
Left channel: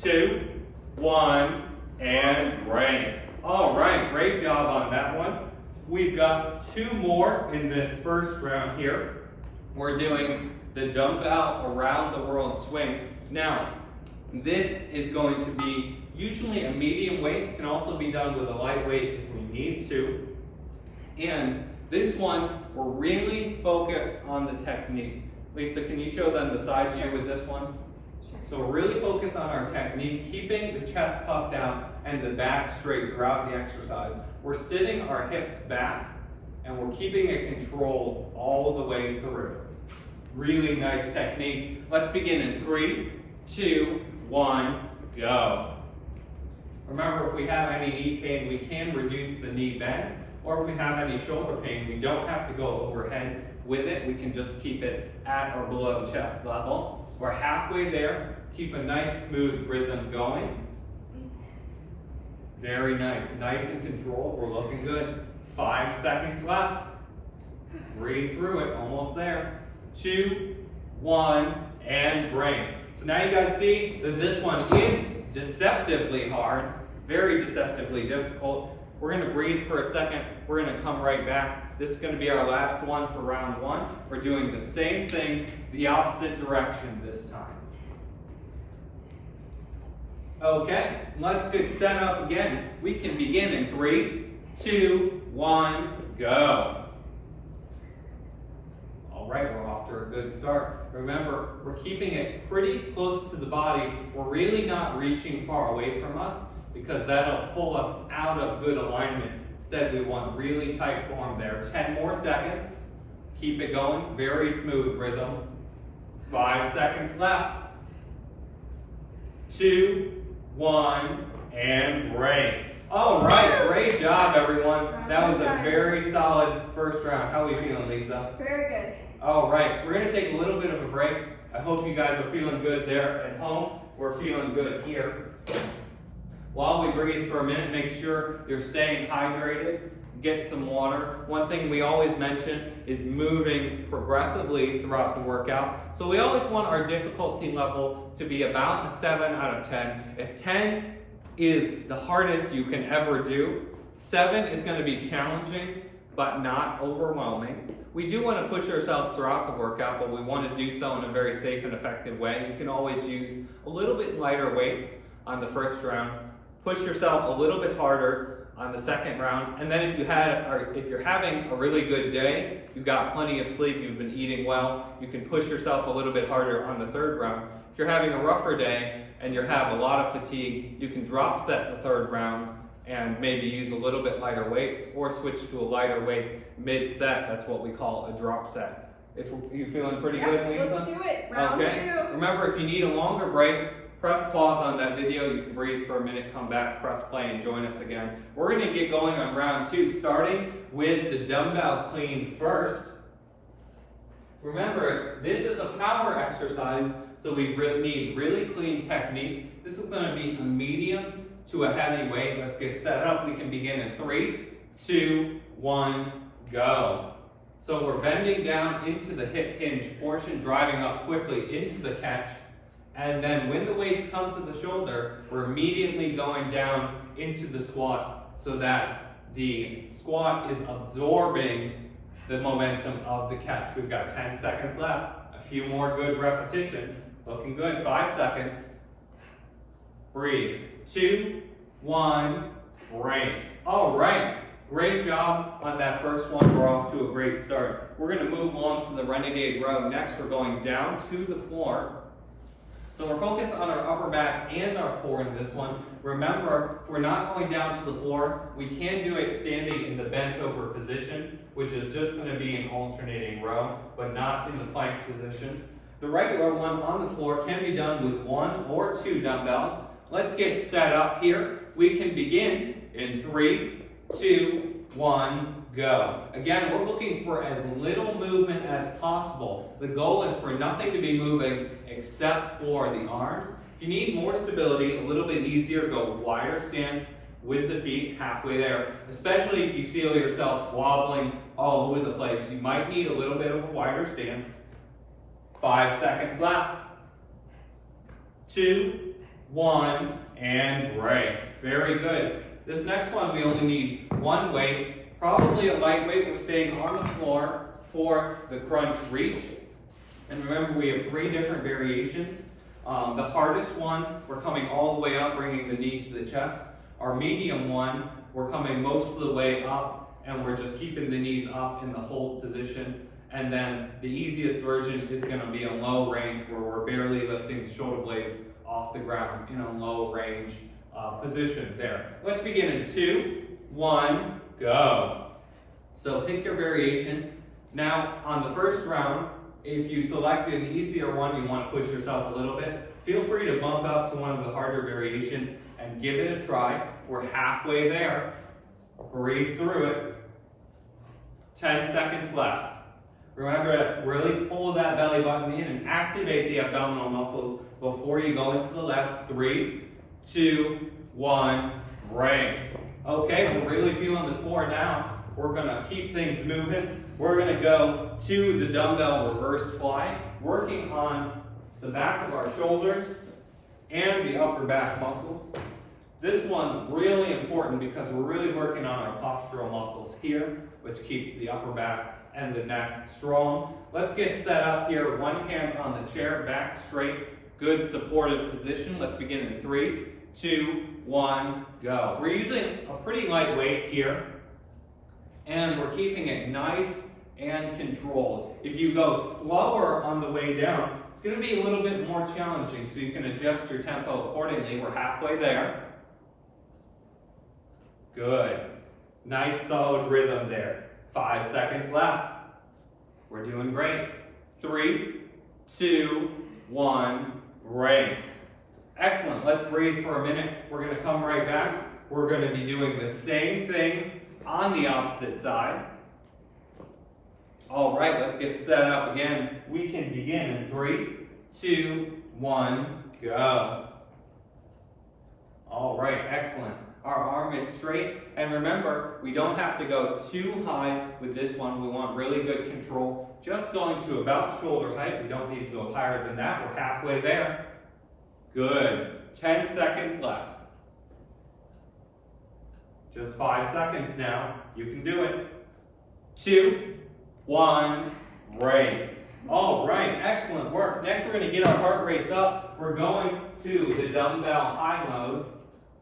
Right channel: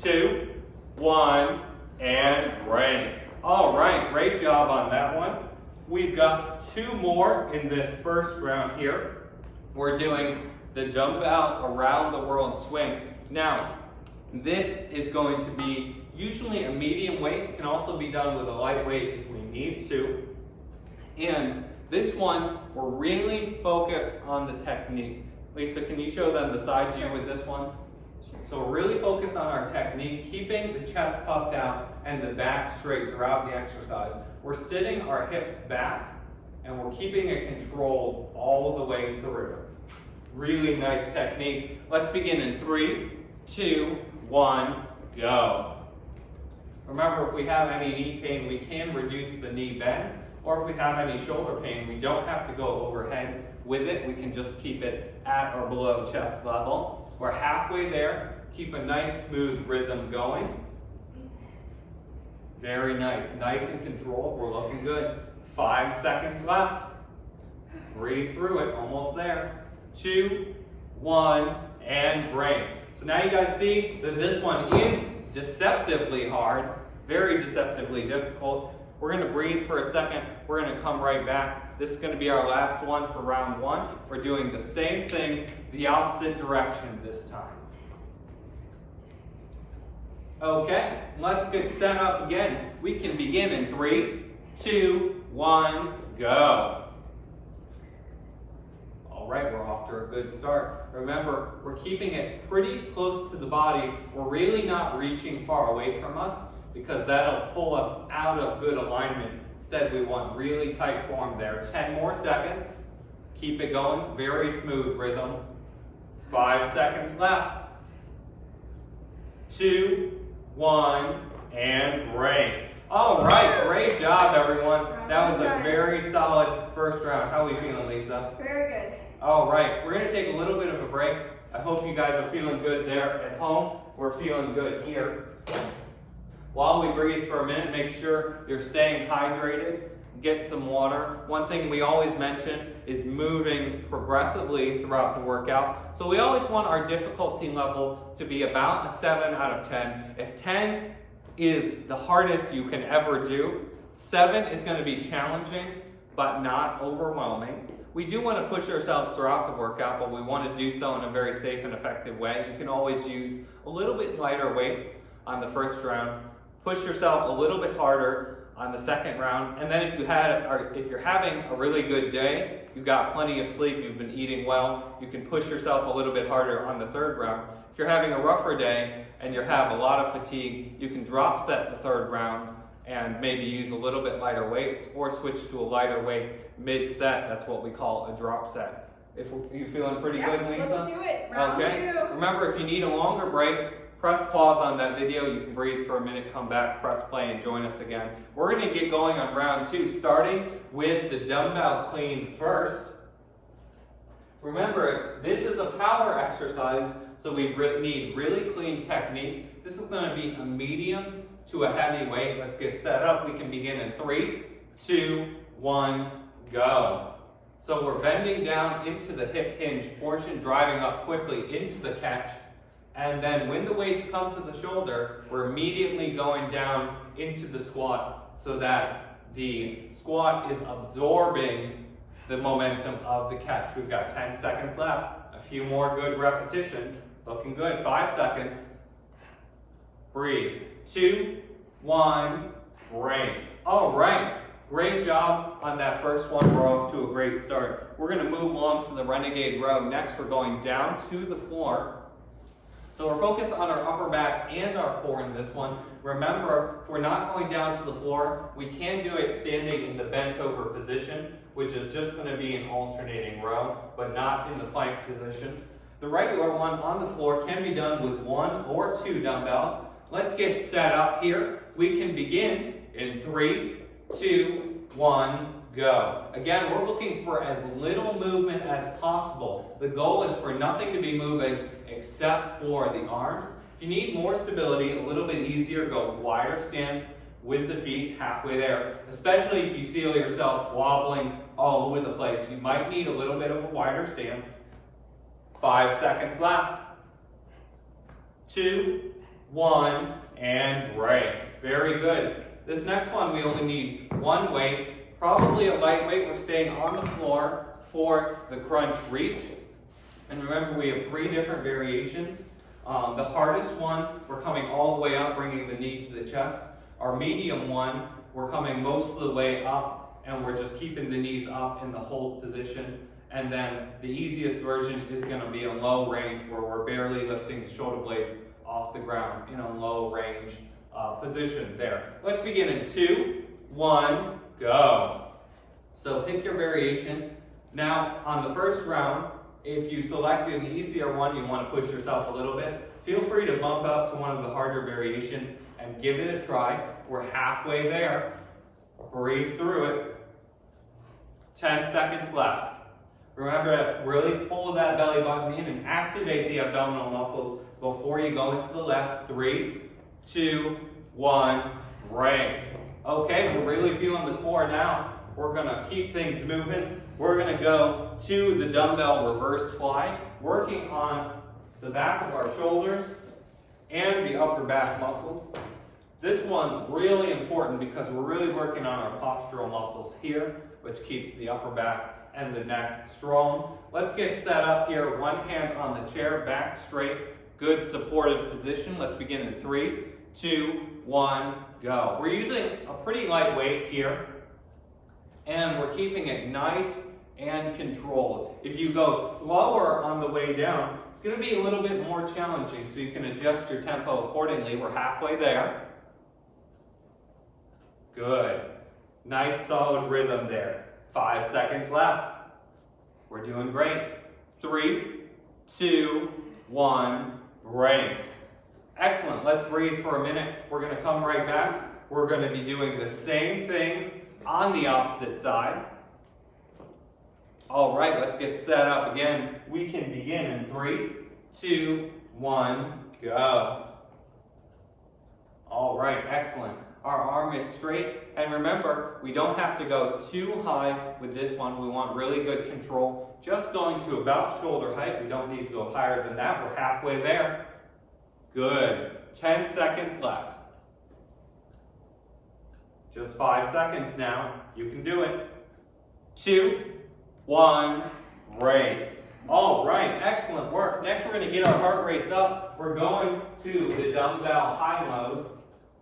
2, 1, and break. All right, great job on that one. We've got 2 more in this first round here. We're doing the dumbbell around the world swing. Now, this is going to be usually a medium weight. It can also be done with a light weight if we need to. And this one, we're really focused on the technique. Lisa, can you show them the side view with this one? Sure. So we're really focused on our technique, keeping the chest puffed out and the back straight throughout the exercise. We're sitting our hips back and we're keeping it controlled all the way through. Really nice technique. Let's begin in 3, 2, 1, go. Remember, if we have any knee pain, we can reduce the knee bend, or if we have any shoulder pain, we don't have to go overhead with it. We can just keep it at or below chest level. We're halfway there. Keep a nice smooth rhythm going. Very nice, nice and controlled. We're looking good. 5 seconds left. Breathe through it, almost there. 2, 1, and break. So now you guys see that this one is deceptively hard, very deceptively difficult. We're going to breathe for a second. We're going to come right back. This is going to be our last one for round 1. We're doing the same thing, the opposite direction this time. Okay, let's get set up again. We can begin in 3, 2, 1, go. All right, we're off to a good start. Remember, we're keeping it pretty close to the body. We're really not reaching far away from us because that'll pull us out of good alignment. Instead, we want really tight form there. 10 more seconds. Keep it going. Very smooth rhythm. 5 seconds left. 2, 1, and break. All right, great job, everyone. That was a very solid first round. How are we feeling, Lisa? Very good. All right, we're going to take a little bit of a break. I hope you guys are feeling good there at home. We're feeling good here. While we breathe for a minute, make sure you're staying hydrated. Get some water. One thing we always mention is moving progressively throughout the workout. So we always want our difficulty level to be about a 7 out of 10. If 10 is the hardest you can ever do, 7 is going to be challenging but not overwhelming. We do want to push ourselves throughout the workout, but we want to do so in a very safe and effective way. You can always use a little bit lighter weights on the first round. Push yourself a little bit harder on the second round. And then if you're having a really good day, you've got plenty of sleep, you've been eating well, you can push yourself a little bit harder on the third round. If you're having a rougher day and you have a lot of fatigue, you can drop set the third round and maybe use a little bit lighter weights or switch to a lighter weight mid-set. That's what we call a drop set. If you feeling pretty good, Lisa? Let's do it. Round 2. Remember, if you need a longer break, press pause on that video. You can breathe for a minute, come back, press play, and join us again. We're going to get going on round 2, starting with the dumbbell clean first. Remember, this is a power exercise, so we need really clean technique. This is going to be a medium to a heavy weight. Let's get set up. We can begin in 3, 2, 1, go. So we're bending down into the hip hinge portion, driving up quickly into the catch. And then when the weights come to the shoulder, we're immediately going down into the squat so that the squat is absorbing the momentum of the catch. We've got 10 seconds left. A few more good repetitions. Looking good. 5 seconds. Breathe. 2, 1, break. All right. Great job on that first one. We're off to a great start. We're going to move along to the Renegade row. Next, we're going down to the floor. So we're focused on our upper back and our core in this one. Remember, if we're not going down to the floor, we can do it standing in the bent over position, which is just going to be an alternating row, but not in the plank position. The regular one on the floor can be done with 1 or 2 dumbbells. Let's get set up here. We can begin in 3, 2, 1, go. Again, we're looking for as little movement as possible. The goal is for nothing to be moving except for the arms. If you need more stability, a little bit easier, go wider stance with the feet halfway there, especially if you feel yourself wobbling all over the place. You might need a little bit of a wider stance. 5 seconds left. 2, 1, and break. Very good. This next one, we only need 1 weight, probably a lightweight. We're staying on the floor for the crunch reach. And remember, we have 3 different variations. The hardest one, we're coming all the way up, bringing the knee to the chest. Our medium one, we're coming most of the way up, and we're just keeping the knees up in the hold position. And then the easiest version is going to be a low range, where we're barely lifting the shoulder blades off the ground in a low range position there. Let's begin in 2, 1, go. So pick your variation. Now on the first round, if you selected an easier one, you want to push yourself a little bit, feel free to bump up to one of the harder variations and give it a try. We're halfway there. Breathe through it. 10 seconds left. Remember to really pull that belly button in and activate the abdominal muscles before you go into the left. 3, 2, 1, break. Okay, we're really feeling the core now. We're gonna keep things moving. We're gonna go to the dumbbell reverse fly, working on the back of our shoulders and the upper back muscles. This one's really important because we're really working on our postural muscles here, which keeps the upper back and the neck strong. Let's get set up here. 1 hand on the chair, back straight, good supportive position. Let's begin in 3, 2, 1, go. We're using a pretty light weight here, and we're keeping it nice and controlled. If you go slower on the way down, it's going to be a little bit more challenging, so you can adjust your tempo accordingly. We're halfway there. Good. Nice solid rhythm there. 5 seconds left. We're doing great. 3, 2, 1, break. Excellent. Let's breathe for a minute. We're going to come right back. We're going to be doing the same thing on the opposite side. All right, let's get set up again. We can begin in 3, 2, 1, go. All right, excellent. Our arm is straight, and remember, we don't have to go too high with this one. We want really good control. Just going to about shoulder height. We don't need to go higher than that. We're halfway there. Good. 10 seconds left. Just 5 seconds now. You can do it. 2, 1, break. All right, excellent work. Next, we're going to get our heart rates up. We're going to the dumbbell high-lows.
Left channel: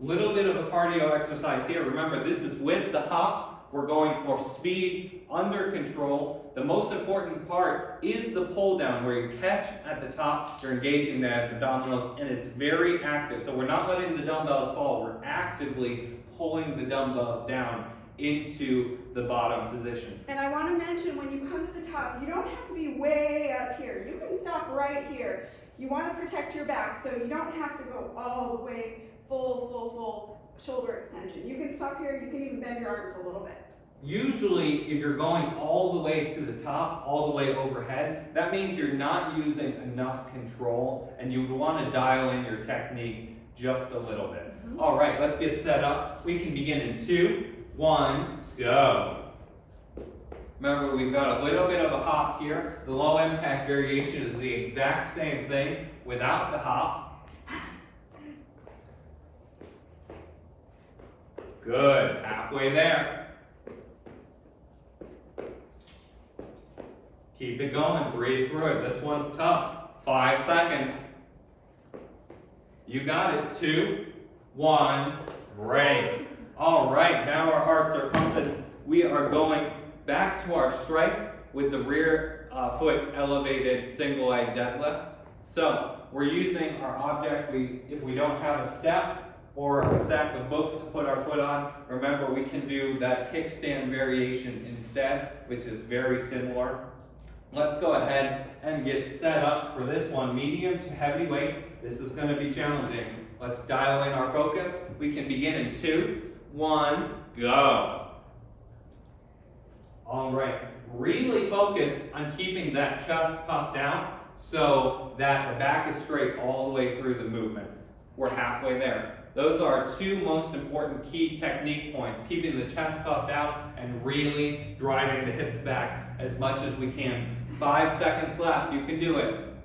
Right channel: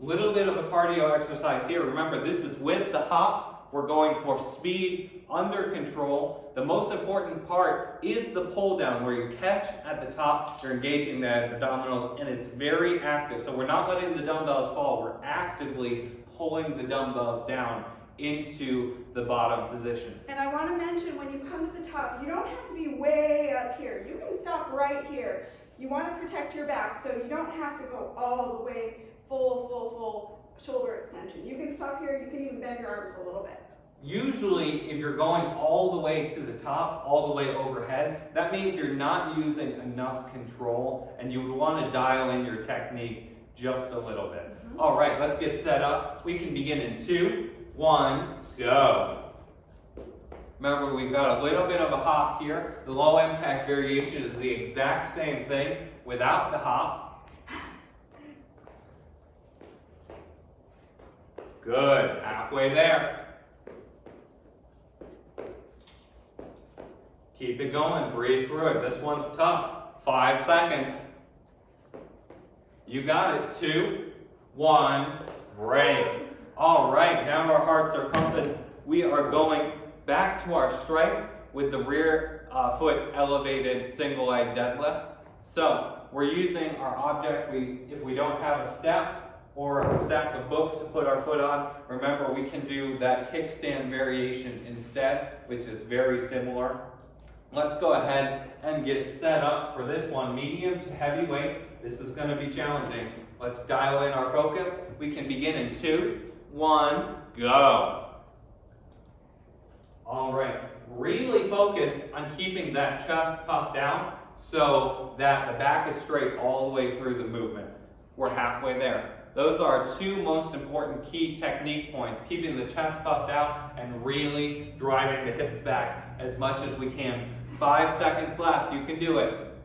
Little bit of a cardio exercise here. Remember, this is with the hop. We're going for speed, under control. The most important part is the pull down, where you catch at the top, you're engaging the abdominals, and it's very active. So we're not letting the dumbbells fall. We're actively pulling the dumbbells down into the bottom position. And I want to mention, when you come to the top, you don't have to be way up here. You can stop right here. You want to protect your back, so you don't have to go all the way full shoulder extension. You can stop here. You can even bend your arms a little bit. Usually, if you're going all the way to the top, all the way overhead, that means you're not using enough control, and you would want to dial in your technique just a little bit. All right, let's get set up. We can begin in 2, 1, go. Remember, we've got a little bit of a hop here. The low impact variation is the exact same thing without the hop. Good, halfway there. Keep it going, breathe through it. This one's tough. 5 seconds. You got it. 2, 1, break. All right, now our hearts are pumping. We are going back to our strength with the rear foot elevated single leg deadlift. So we're using our object. If we don't have a step or a stack of books to put our foot on, remember we can do that kickstand variation instead, which is very similar. Let's go ahead and get set up for this one, medium to heavy weight. This is going to be challenging. Let's dial in our focus. We can begin in 2, 1, go. All right, really focus on keeping that chest puffed out so that the back is straight all the way through the movement. We're halfway there. Those are our 2 most important key technique points, keeping the chest puffed out and really driving the hips back as much as we can. 5 seconds left, you can do it.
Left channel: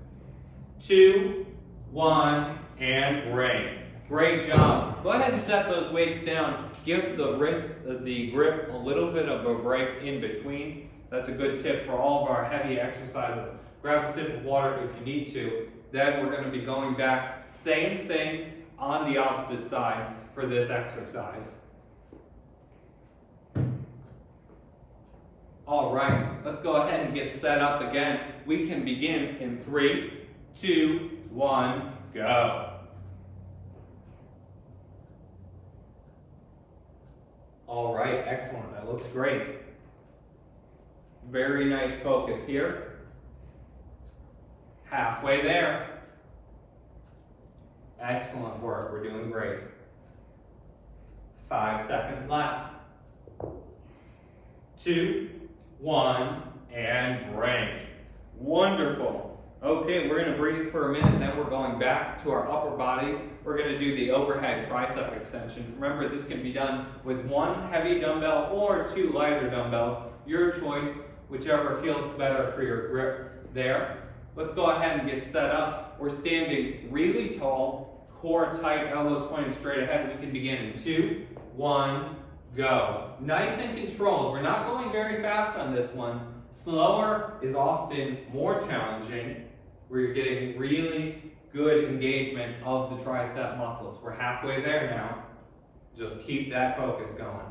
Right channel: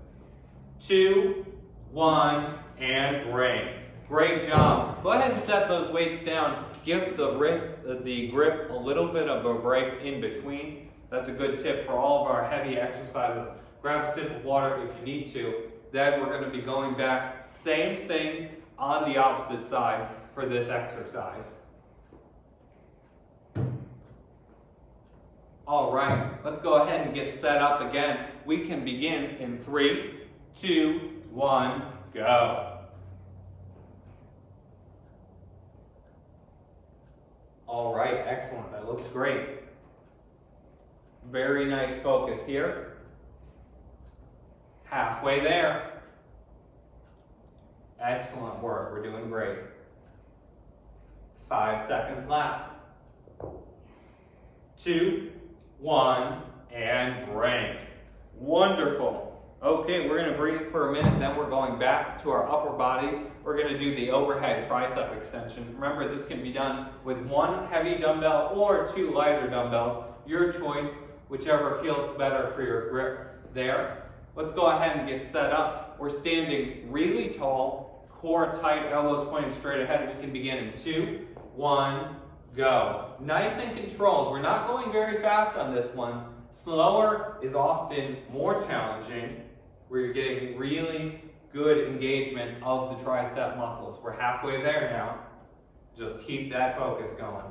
2, 1, and break. Great job. Go ahead and set those weights down. Give the wrist, the grip, a little bit of a break in between. That's a good tip for all of our heavy exercises. Grab a sip of water if you need to. Then we're going to be going back. Same thing on the opposite side for this exercise. All right, let's go ahead and get set up again. We can begin in 3, 2, 1, go. All right, excellent. That looks great. Very nice focus here. Halfway there. Excellent work. We're doing great. 5 seconds left. 2, 1, and break. Wonderful. Okay, we're going to breathe for a minute, then we're going back to our upper body. We're going to do the overhead tricep extension. Remember, this can be done with 1 heavy dumbbell or 2 lighter dumbbells. Your choice, whichever feels better for your grip there. Let's go ahead and get set up. We're standing really tall, core tight, elbows pointed straight ahead. We can begin in 2, 1, go. Nice and controlled. We're not going very fast on this one. Slower is often more challenging, where you're getting really good engagement of the tricep muscles. We're halfway there now. Just keep that focus going.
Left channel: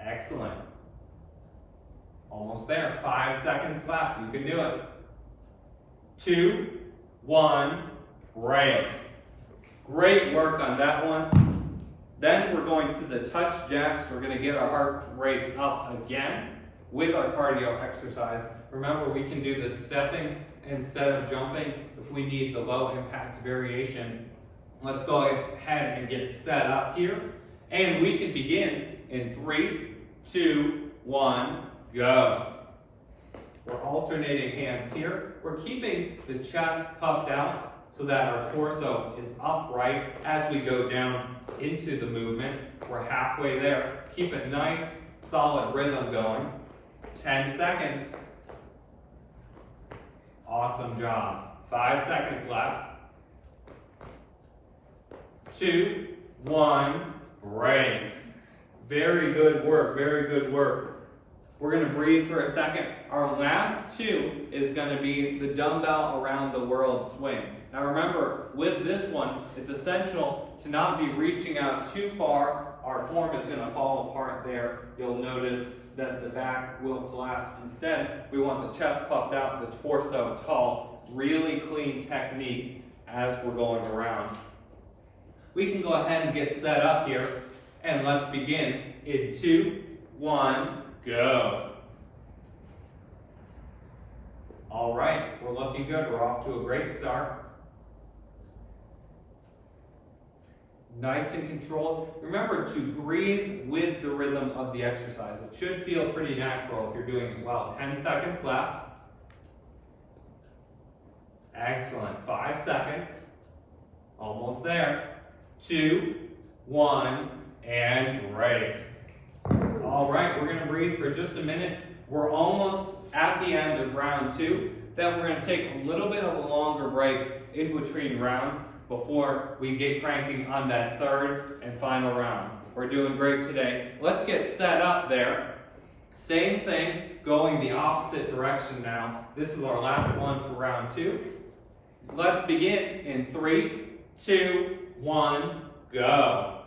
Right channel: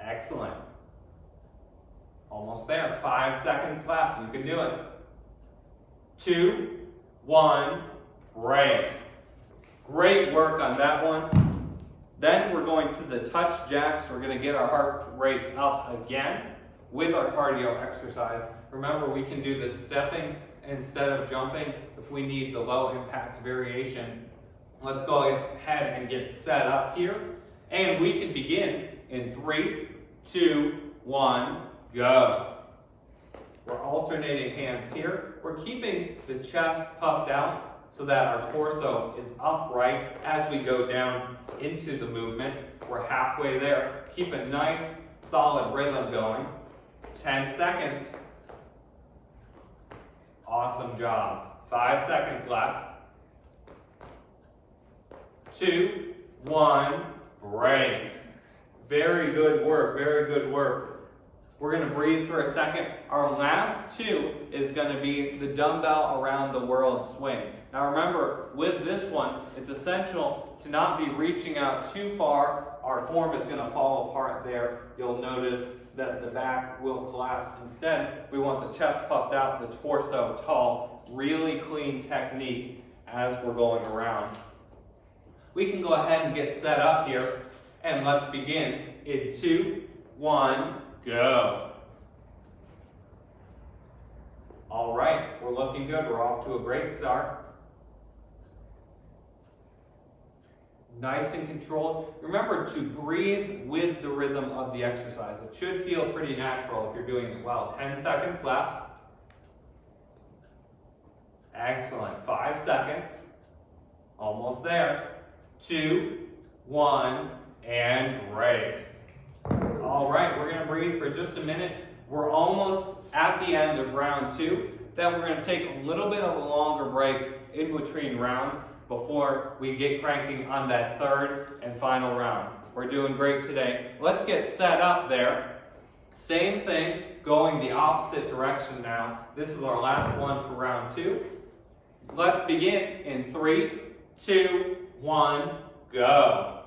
Excellent. Almost there. 5 seconds left. You can do it. 2, 1, break. Great work on that one. Then we're going to the touch jacks. We're going to get our heart rates up again with our cardio exercise. Remember, we can do the stepping instead of jumping if we need the low impact variation. Let's go ahead and get set up here. And we can begin in 3, 2, 1, go. We're alternating hands here. We're keeping the chest puffed out so that our torso is upright as we go down into the movement. We're halfway there. Keep a nice, solid rhythm going. 10 seconds. Awesome job. 5 seconds left. 2, 1, break. Very good work, very good work. We're going to breathe for a second. Our last 2 is going to be the dumbbell around the world swing. Now remember, with this one, it's essential to not be reaching out too far. Our form is going to fall apart there. You'll notice that the back will collapse. Instead, we want the chest puffed out, the torso tall, really clean technique as we're going around. We can go ahead and get set up here, and let's begin in 2, 1, go. All right, we're looking good. We're off to a great start. Nice and controlled. Remember to breathe with the rhythm of the exercise. It should feel pretty natural if you're doing it well. 10 seconds left. Excellent. 5 seconds. Almost there. 2, 1, and break. All right, we're going to breathe for just a minute. We're almost at the end of round 2. Then we're going to take a little bit of a longer break in between rounds before we get cranking on that 3rd and final round. We're doing great today. Let's get set up there. Same thing, going the opposite direction now. This is our last one for round 2. Let's begin in 3, 2, 1, go.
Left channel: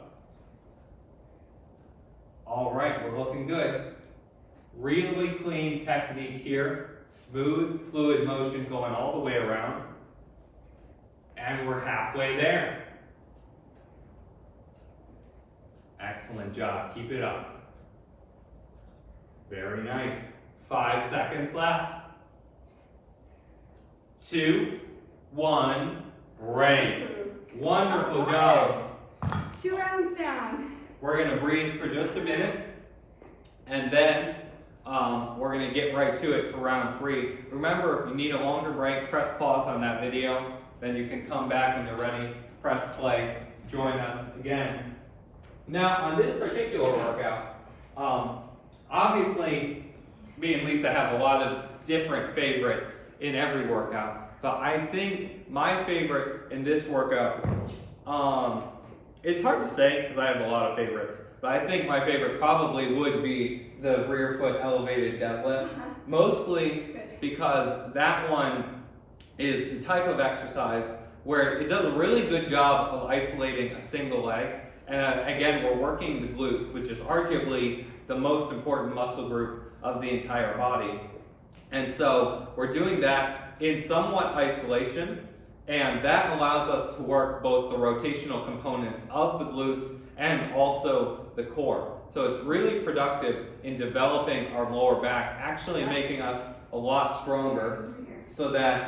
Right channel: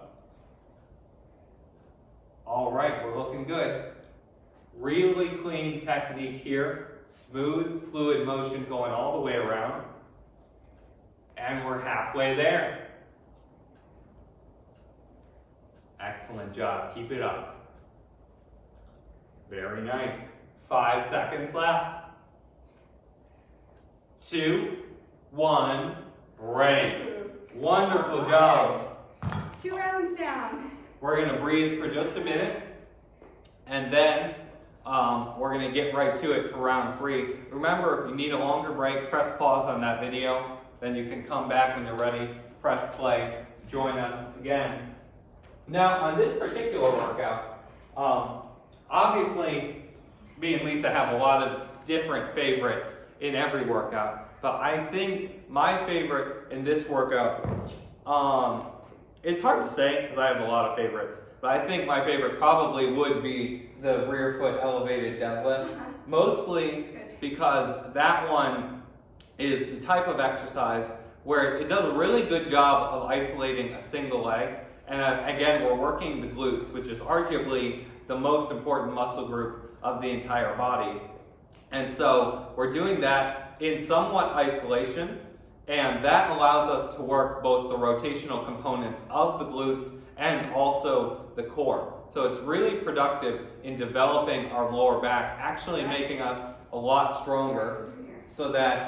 All right, we're looking good. Really clean technique here. Smooth, fluid motion going all the way around. And we're halfway there. Excellent job. Keep it up. Very nice. 5 seconds left. 2, 1, break. Wonderful job. 2 rounds down. We're going to breathe for just a minute, and then we're going to get right to it for round 3. Remember, if you need a longer break, press pause on that video. Then you can come back when you're ready, press play, join us again. Now, on this particular workout, obviously, me and Lisa have a lot of different favorites in every workout, but I think my favorite in this workout, it's hard to say because I have a lot of favorites, but I think my favorite probably would be the rear foot elevated deadlift, mostly because that one is the type of exercise where it does a really good job of isolating a single leg. And again, we're working the glutes, which is arguably the most important muscle group of the entire body. And so we're doing that in somewhat isolation, and that allows us to work both the rotational components of the glutes and also the core. So it's really productive in developing our lower back, actually making us a lot stronger, so that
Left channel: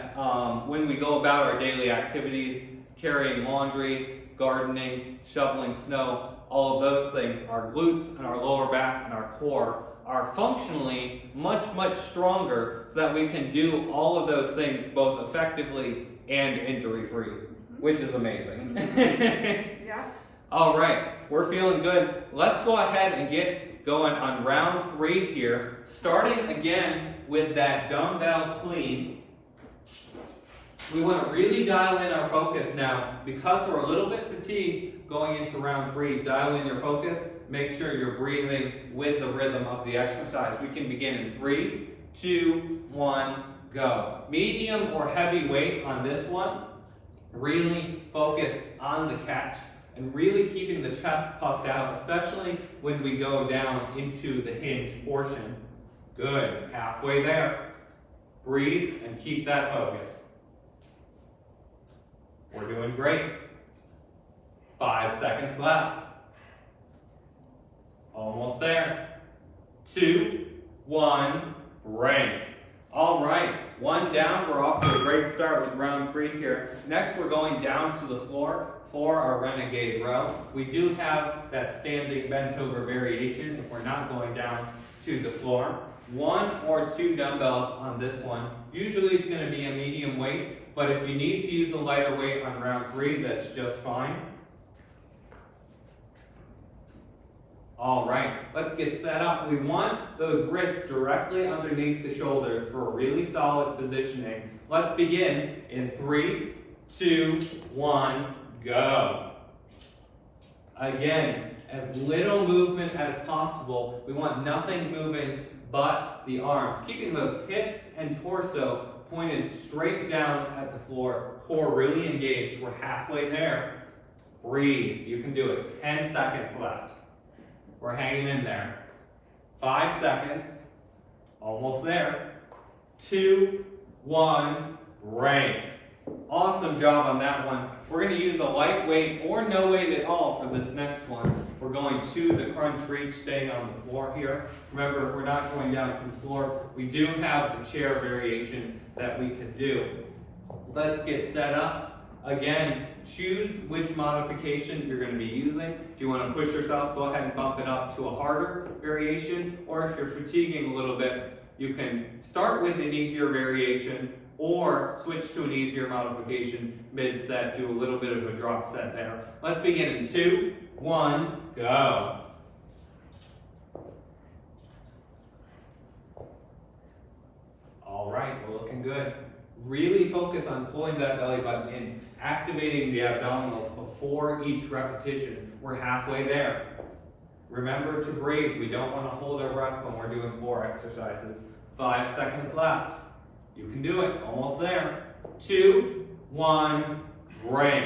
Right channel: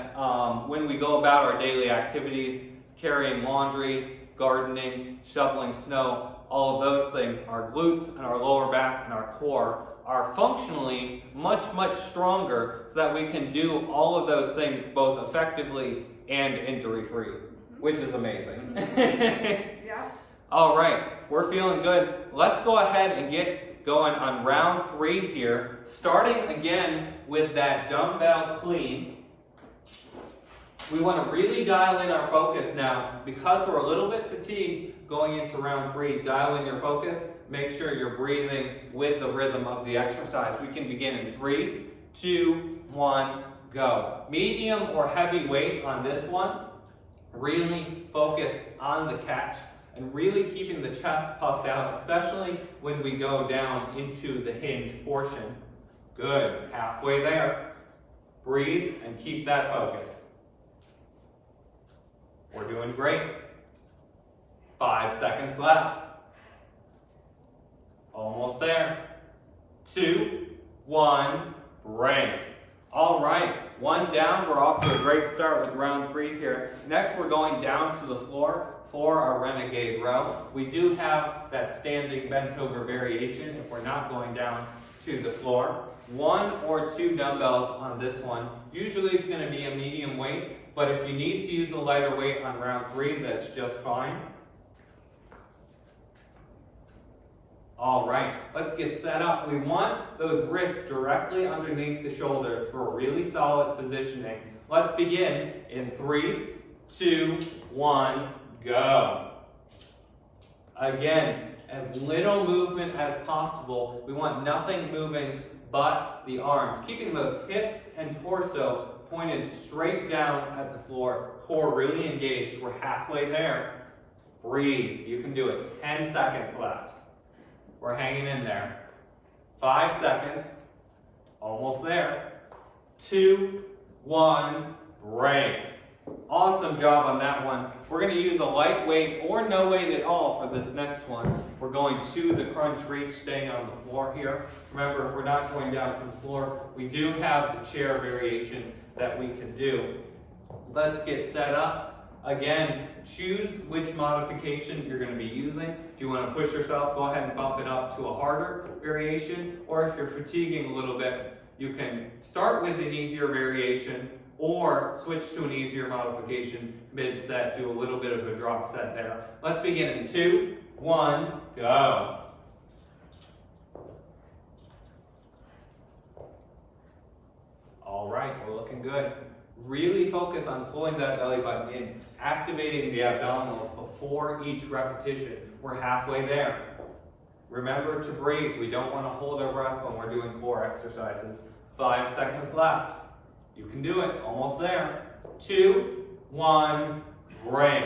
when we go about our daily activities, carrying laundry, gardening, shoveling snow, all of those things, our glutes and our lower back and our core are functionally much, much stronger so that we can do all of those things both effectively and injury-free, which is amazing. Yeah. All right, we're feeling good. Let's go ahead and get going on round 3 here, starting again with that dumbbell clean. We want to really dial in our focus now. Because we're a little bit fatigued going into round 3, dial in your focus. Make sure you're breathing with the rhythm of the exercise. We can begin in 3, 2, 1, go. Medium or heavy weight on this one. Really focus on the catch and really keeping the chest puffed out, especially when we go down into the hinge portion. Good. Halfway there. Breathe and keep that focus. We're doing great. 5 seconds left. Almost there. 2, 1, break. All right, 1 down. We're off to a great start with round 3 here. Next, we're going down to the floor for our renegade row. We do have that standing bent over variation if we're not going down to the floor. 1 or 2 dumbbells on this one. Usually it's going to be a medium weight, but if you need to use a lighter weight on round 3, that's just fine. All right, let's get set up. We want those wrists directly underneath the shoulders for a really solid positioning. Let's begin in 3, 2, 1, go. Again, as little movement as possible. We want nothing moving but the arms. Keeping those hips and torso pointed straight down at the floor. Core really engaged. We're halfway there. Breathe. You can do it. 10 seconds left. We're hanging in there. 5 seconds. Almost there. 2, 1, break. Awesome job on that one. We're going to use a light weight or no weight at all for this next one. We're going to the crunch reach, staying on the floor here. Remember, if we're not going down to the floor, we do have the chair variation that we can do. Let's get set up. Again, choose which modification you're going to be using. If you want to push yourself, go ahead and bump it up to a harder variation. Or if you're fatiguing a little bit, you can start with an easier variation or switch to an easier modification mid-set, do a little bit of a drop set there. Let's begin in 2, 1, go. All right, we're looking good. Really focus on pulling that belly button in, activating the abdominals before each repetition. We're halfway there. Remember to breathe. We don't want to hold our breath when we're doing core exercises. 5 seconds left. You can do it. Almost there. 2, 1, break.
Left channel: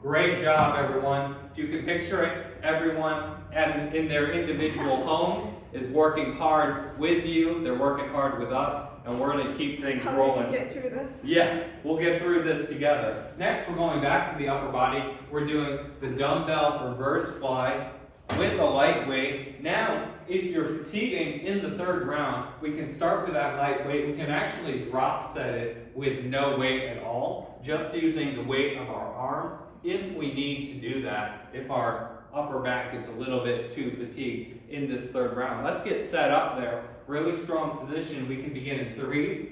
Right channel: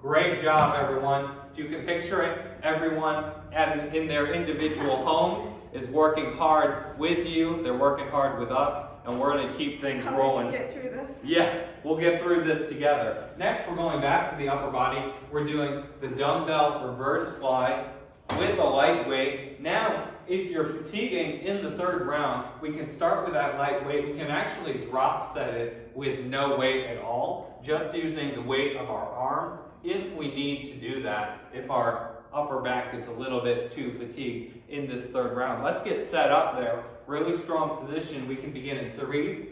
Great job, everyone. If you can picture it, everyone, and in their individual homes is working hard with you. They're working hard with us, and we're going to keep things How rolling. we get through this. Yeah, we'll get through this together. Next, we're going back to the upper body. We're doing the dumbbell reverse fly with a light weight. Now, if you're fatiguing in the third round, we can start with that light weight. We can actually drop set it with no weight at all, just using the weight of our arm if we need to do that, if our upper back gets a little bit too fatigued in this third round. Let's get set up there. Really strong position. We can begin in 3,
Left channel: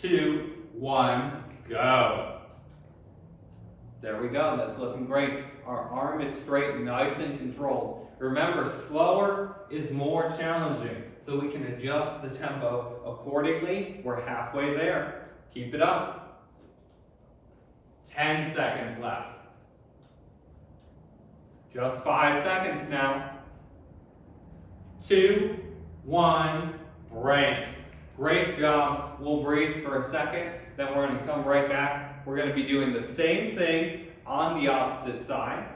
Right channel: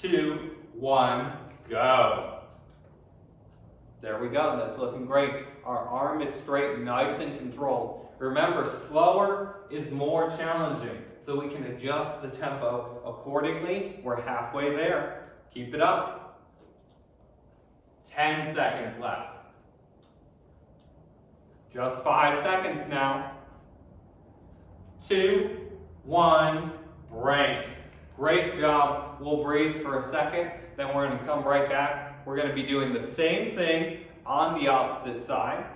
2, 1, go. There we go. That's looking great. Our arm is straight, nice and controlled. Remember, slower is more challenging, so we can adjust the tempo accordingly. We're halfway there. Keep it up. 10 seconds left. Just 5 seconds now. 2, 1, break. Great job. We'll breathe for a second, then we're going to come right back. We're going to be doing the same thing on the opposite side.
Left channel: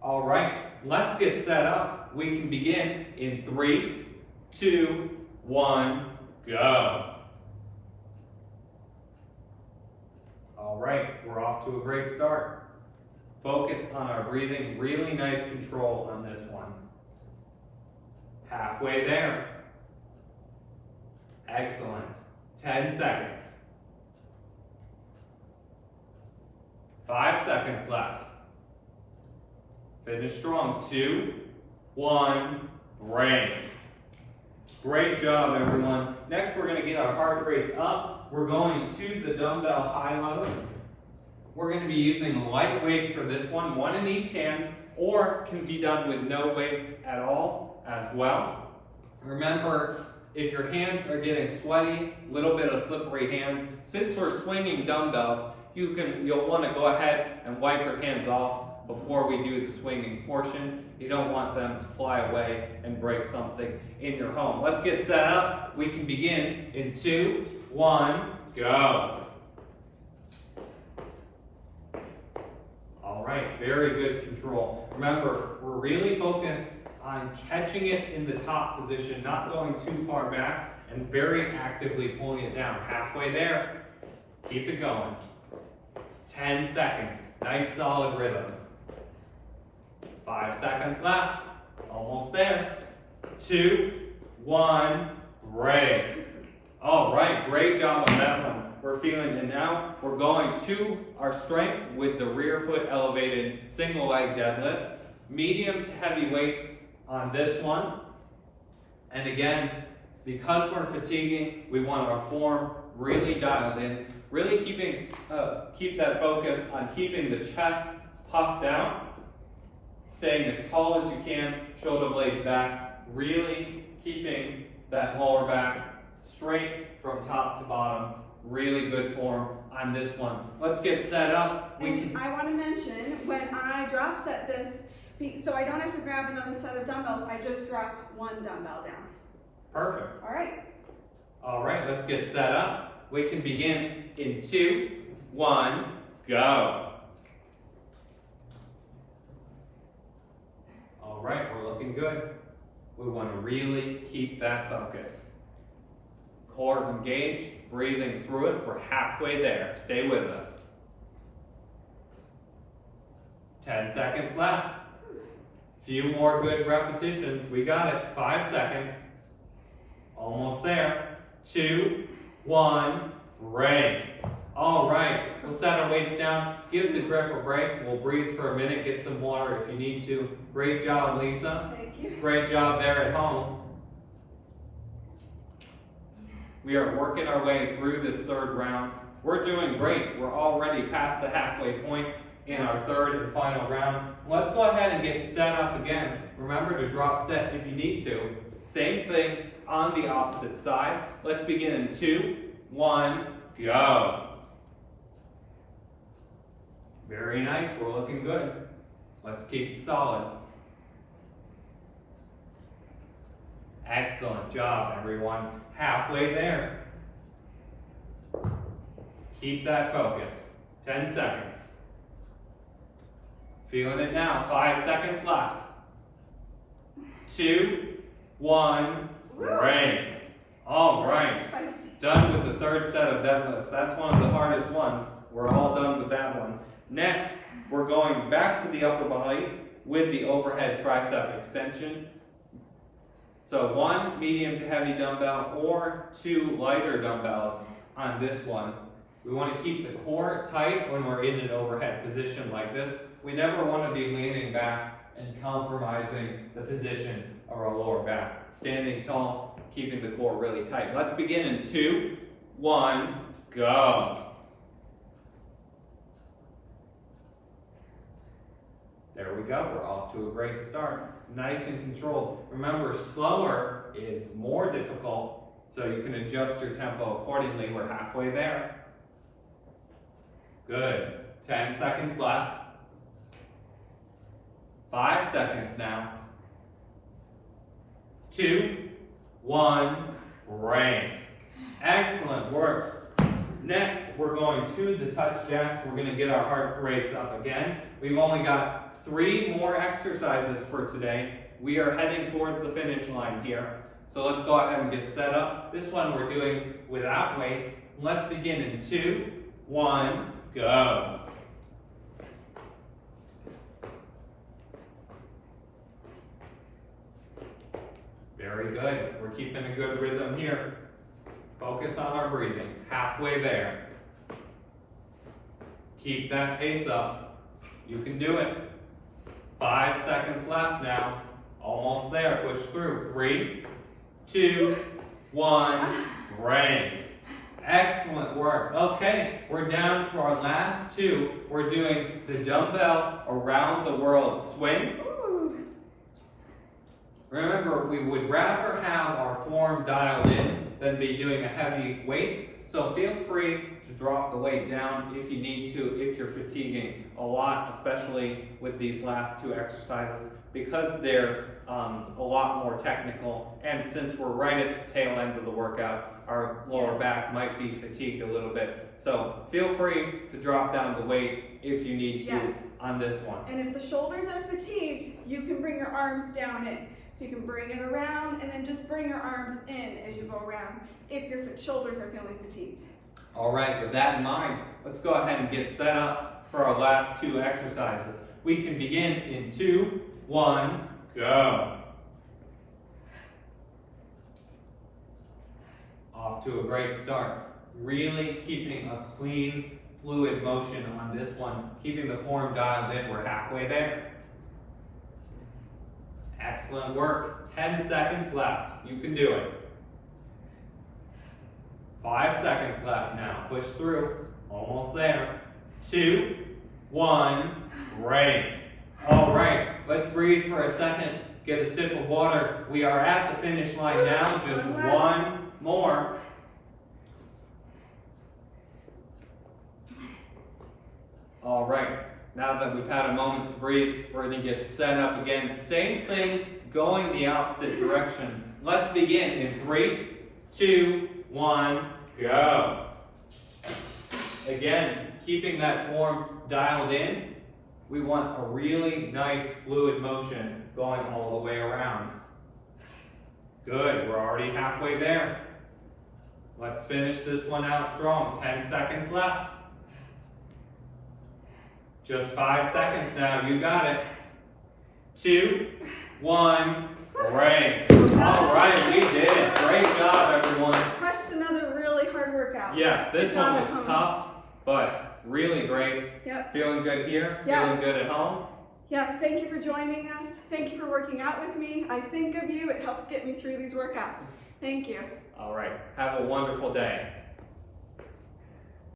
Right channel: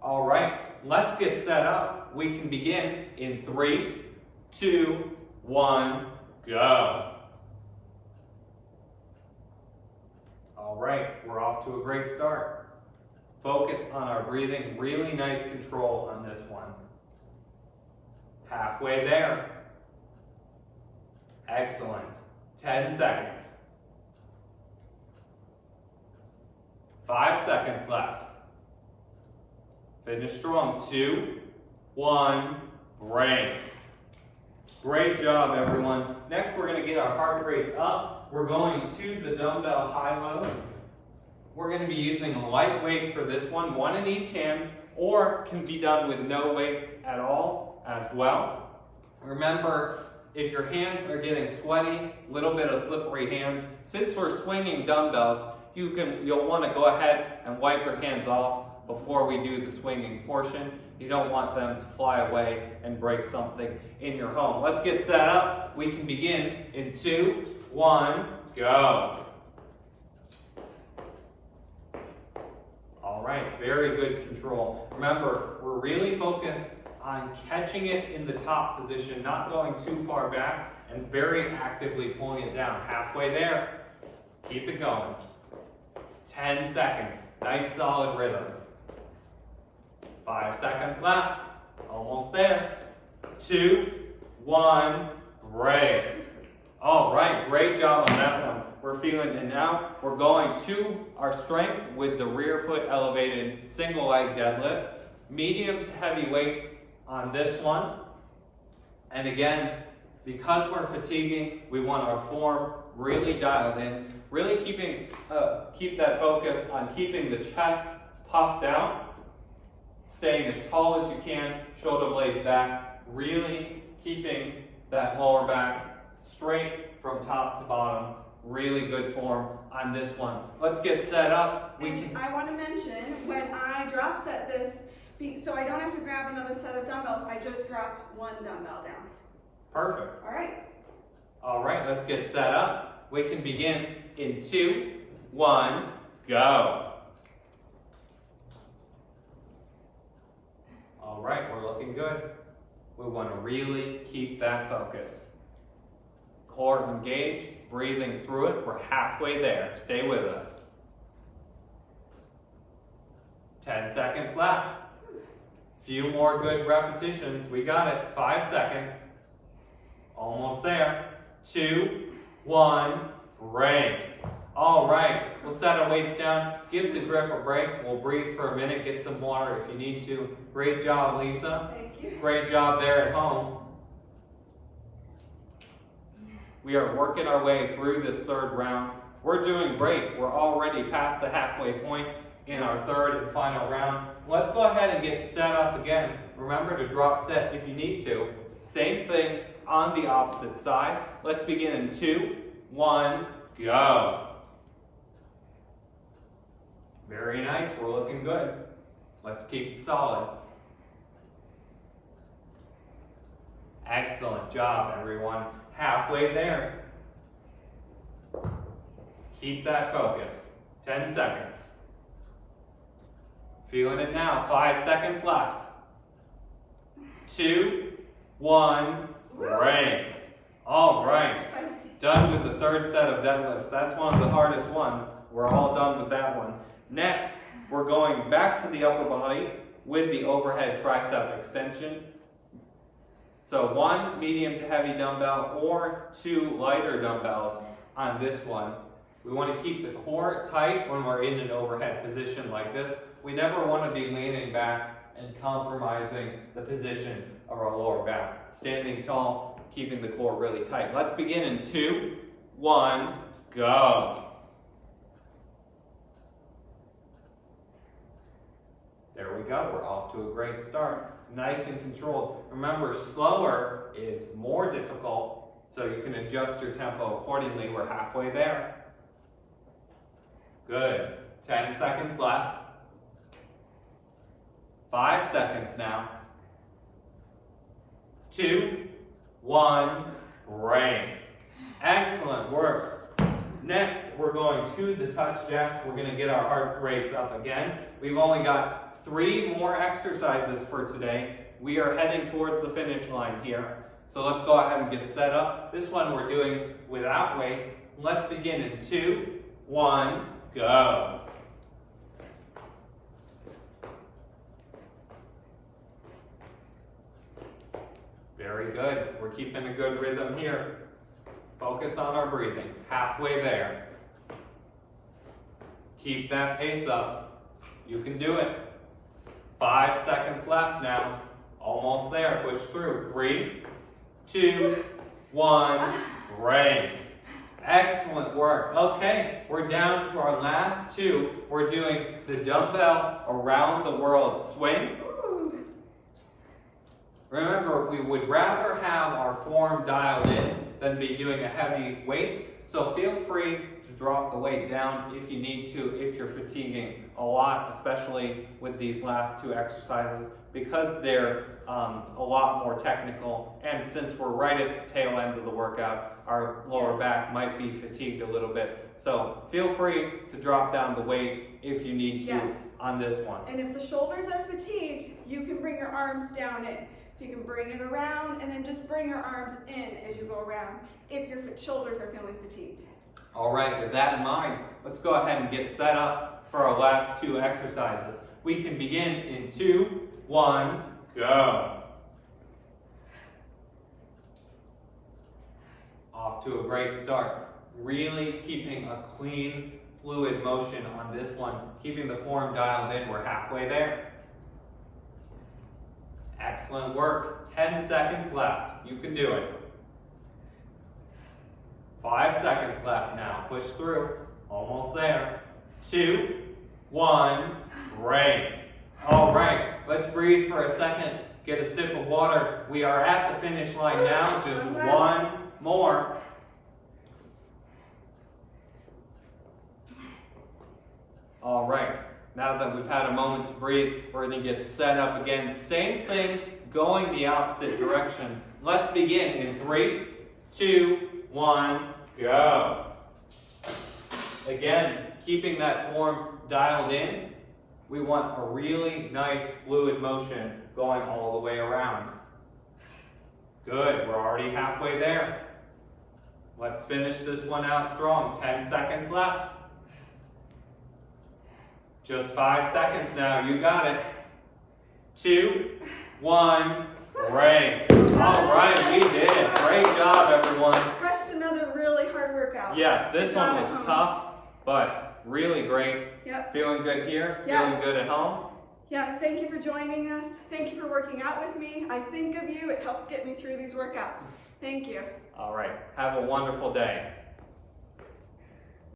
All right, let's get set up. We can begin in 3, 2, 1, go. All right, we're off to a great start. Focus on our breathing, really nice control on this one. Halfway there. Excellent. 10 seconds. 5 seconds left. Finish strong. 2, 1, break. Great job, everyone. Next, we're going to get our heart rates up. We're going to the dumbbell high-low. We're going to be using a light weight for this one in each hand, or can be done with no weights at all as well. Remember, if your hands are getting sweaty, a little bit of slippery hands, since we're swinging dumbbells, you'll want to go ahead and wipe your hands off before we do the swinging portion. You don't want them to fly away and break something in your home. Let's get set up. We can begin in 2, 1, go. All right, very good control. Remember, we're really focused on catching it in the top position, not going too far back, and very actively pulling it down. Halfway there. Keep it going. 10 seconds. Nice solid rhythm. 5 seconds left. Almost there. 2, 1, break. All right, great job on that one. We're feeling it now. We're going to our strength with the rear foot elevated single leg deadlift. Medium to heavy weight on this one. And again, because we're fatiguing, we want our form really dialed in. Really keep that focus on keeping the chest puffed out. Staying as tall as you can, shoulder blades back. Really keeping that lower back straight from top to bottom. Really good form on this one. Let's get set up. I want to mention, when I drop set this, so I don't have to grab another set of dumbbells, I just drop one dumbbell down. Perfect. All right. All right, let's get set up. We can begin in 2, 1, go. All right, we're looking good. We want to really keep that focus. Core engaged, breathing through it. We're halfway there. Stay with us. 10 seconds left. Few more good repetitions. We got it. 5 seconds. Almost there. 2, 1, break. All right, we'll set our weights down. Give the grip a break. We'll breathe for a minute, get some water if you need to. Great job, Lisa. Thank you. Great job there at home. We are working our way through this third round. We're doing great. We're already past the halfway point in our third and final round. Let's go ahead and get set up again. Remember to drop set if you need to. Same thing on the opposite side. Let's begin in 2, 1, go. Very nice. We're looking good. Let's keep it solid. Excellent job, everyone. Halfway there. Keep that focus. 10 seconds. Feeling it now. 5 seconds left. 2, 1, break. All right. Spicy. Done with the third set of deadlifts. That's one of the hardest ones. We're all done with that one. Next, we're going back to the upper body with the overhead tricep extension. So 1 medium to heavy dumbbell or 2 lighter dumbbells on this one. We want to keep the core tight when we're in an overhead position like this. We never want to be leaning back and compromising the position of our lower back. Standing tall, keeping the core really tight. Let's begin in 2, 1, go. There we go, we're off to a great start. Nice and controlled. Remember, slower is more difficult, so you can adjust your tempo accordingly. We're halfway there. Good. 10 seconds left. 5 seconds now. 2, 1, break. Excellent work. Next, we're going to the touch jacks. We're going to get our heart rates up again. We've only got 3 more exercises for today. We are heading towards the finish line here. So let's go ahead and get set up. This one we're doing without weights. Let's begin in 2, 1, go. Very good. We're keeping a good rhythm here. Focus on our breathing. Halfway there. Keep that pace up. You can do it. 5 seconds left now. Almost there. Push through. 3, 2, 1, break. Excellent work. Okay, we're down to our last 2. We're doing the dumbbell around the world swing. Remember, we would rather have our form dialed in than be doing a heavy weight. So feel free to drop the weight down if you need to, if you're fatiguing a lot, especially with these last 2 exercises, because they're a lot more technical. And since we're right at the tail end of the workout, our lower back might be fatigued a little bit. So feel free to drop down the weight if you need to on this one. And if the shoulders are fatigued, you can bring your arms down in. So you can bring it around and then just bring your arms in as you go around if your shoulders are feeling fatigued. All right, with that in mind, let's go ahead and get set up for our last 2 exercises. We can begin in 2, 1, go. Off to a great start. Really keeping a clean, fluid motion on this one. Keeping the form dialed in. We're halfway there. Excellent work. 10 seconds left. You can do it. 5 seconds left now. Push through. Almost there. 2, 1, break. All right, let's breathe for a second. Get a sip of water. We are at the finish line now. Just 1 more. All right. Now that we've had a moment to breathe, we're going to get set up again. Same thing, going the opposite direction. Let's begin in 3, 2, 1, go. Again, keeping that form dialed in, we want a really nice fluid motion going all the way around. Good, we're already halfway there. Let's finish this one out strong. 10 seconds left. Just 5 seconds now, you got it. 2, 1, break. All right, we did it. Great job, everyone. Crushed another really hard workout. Yes, this Good job one at was home. tough, but really great. Yep. Feeling good here? Yes. Feeling good at home? Yes, thank you for joining us. Thank you for working out with me. I think of you. It helps get me through these workouts. Thank you. All right, have a wonderful day.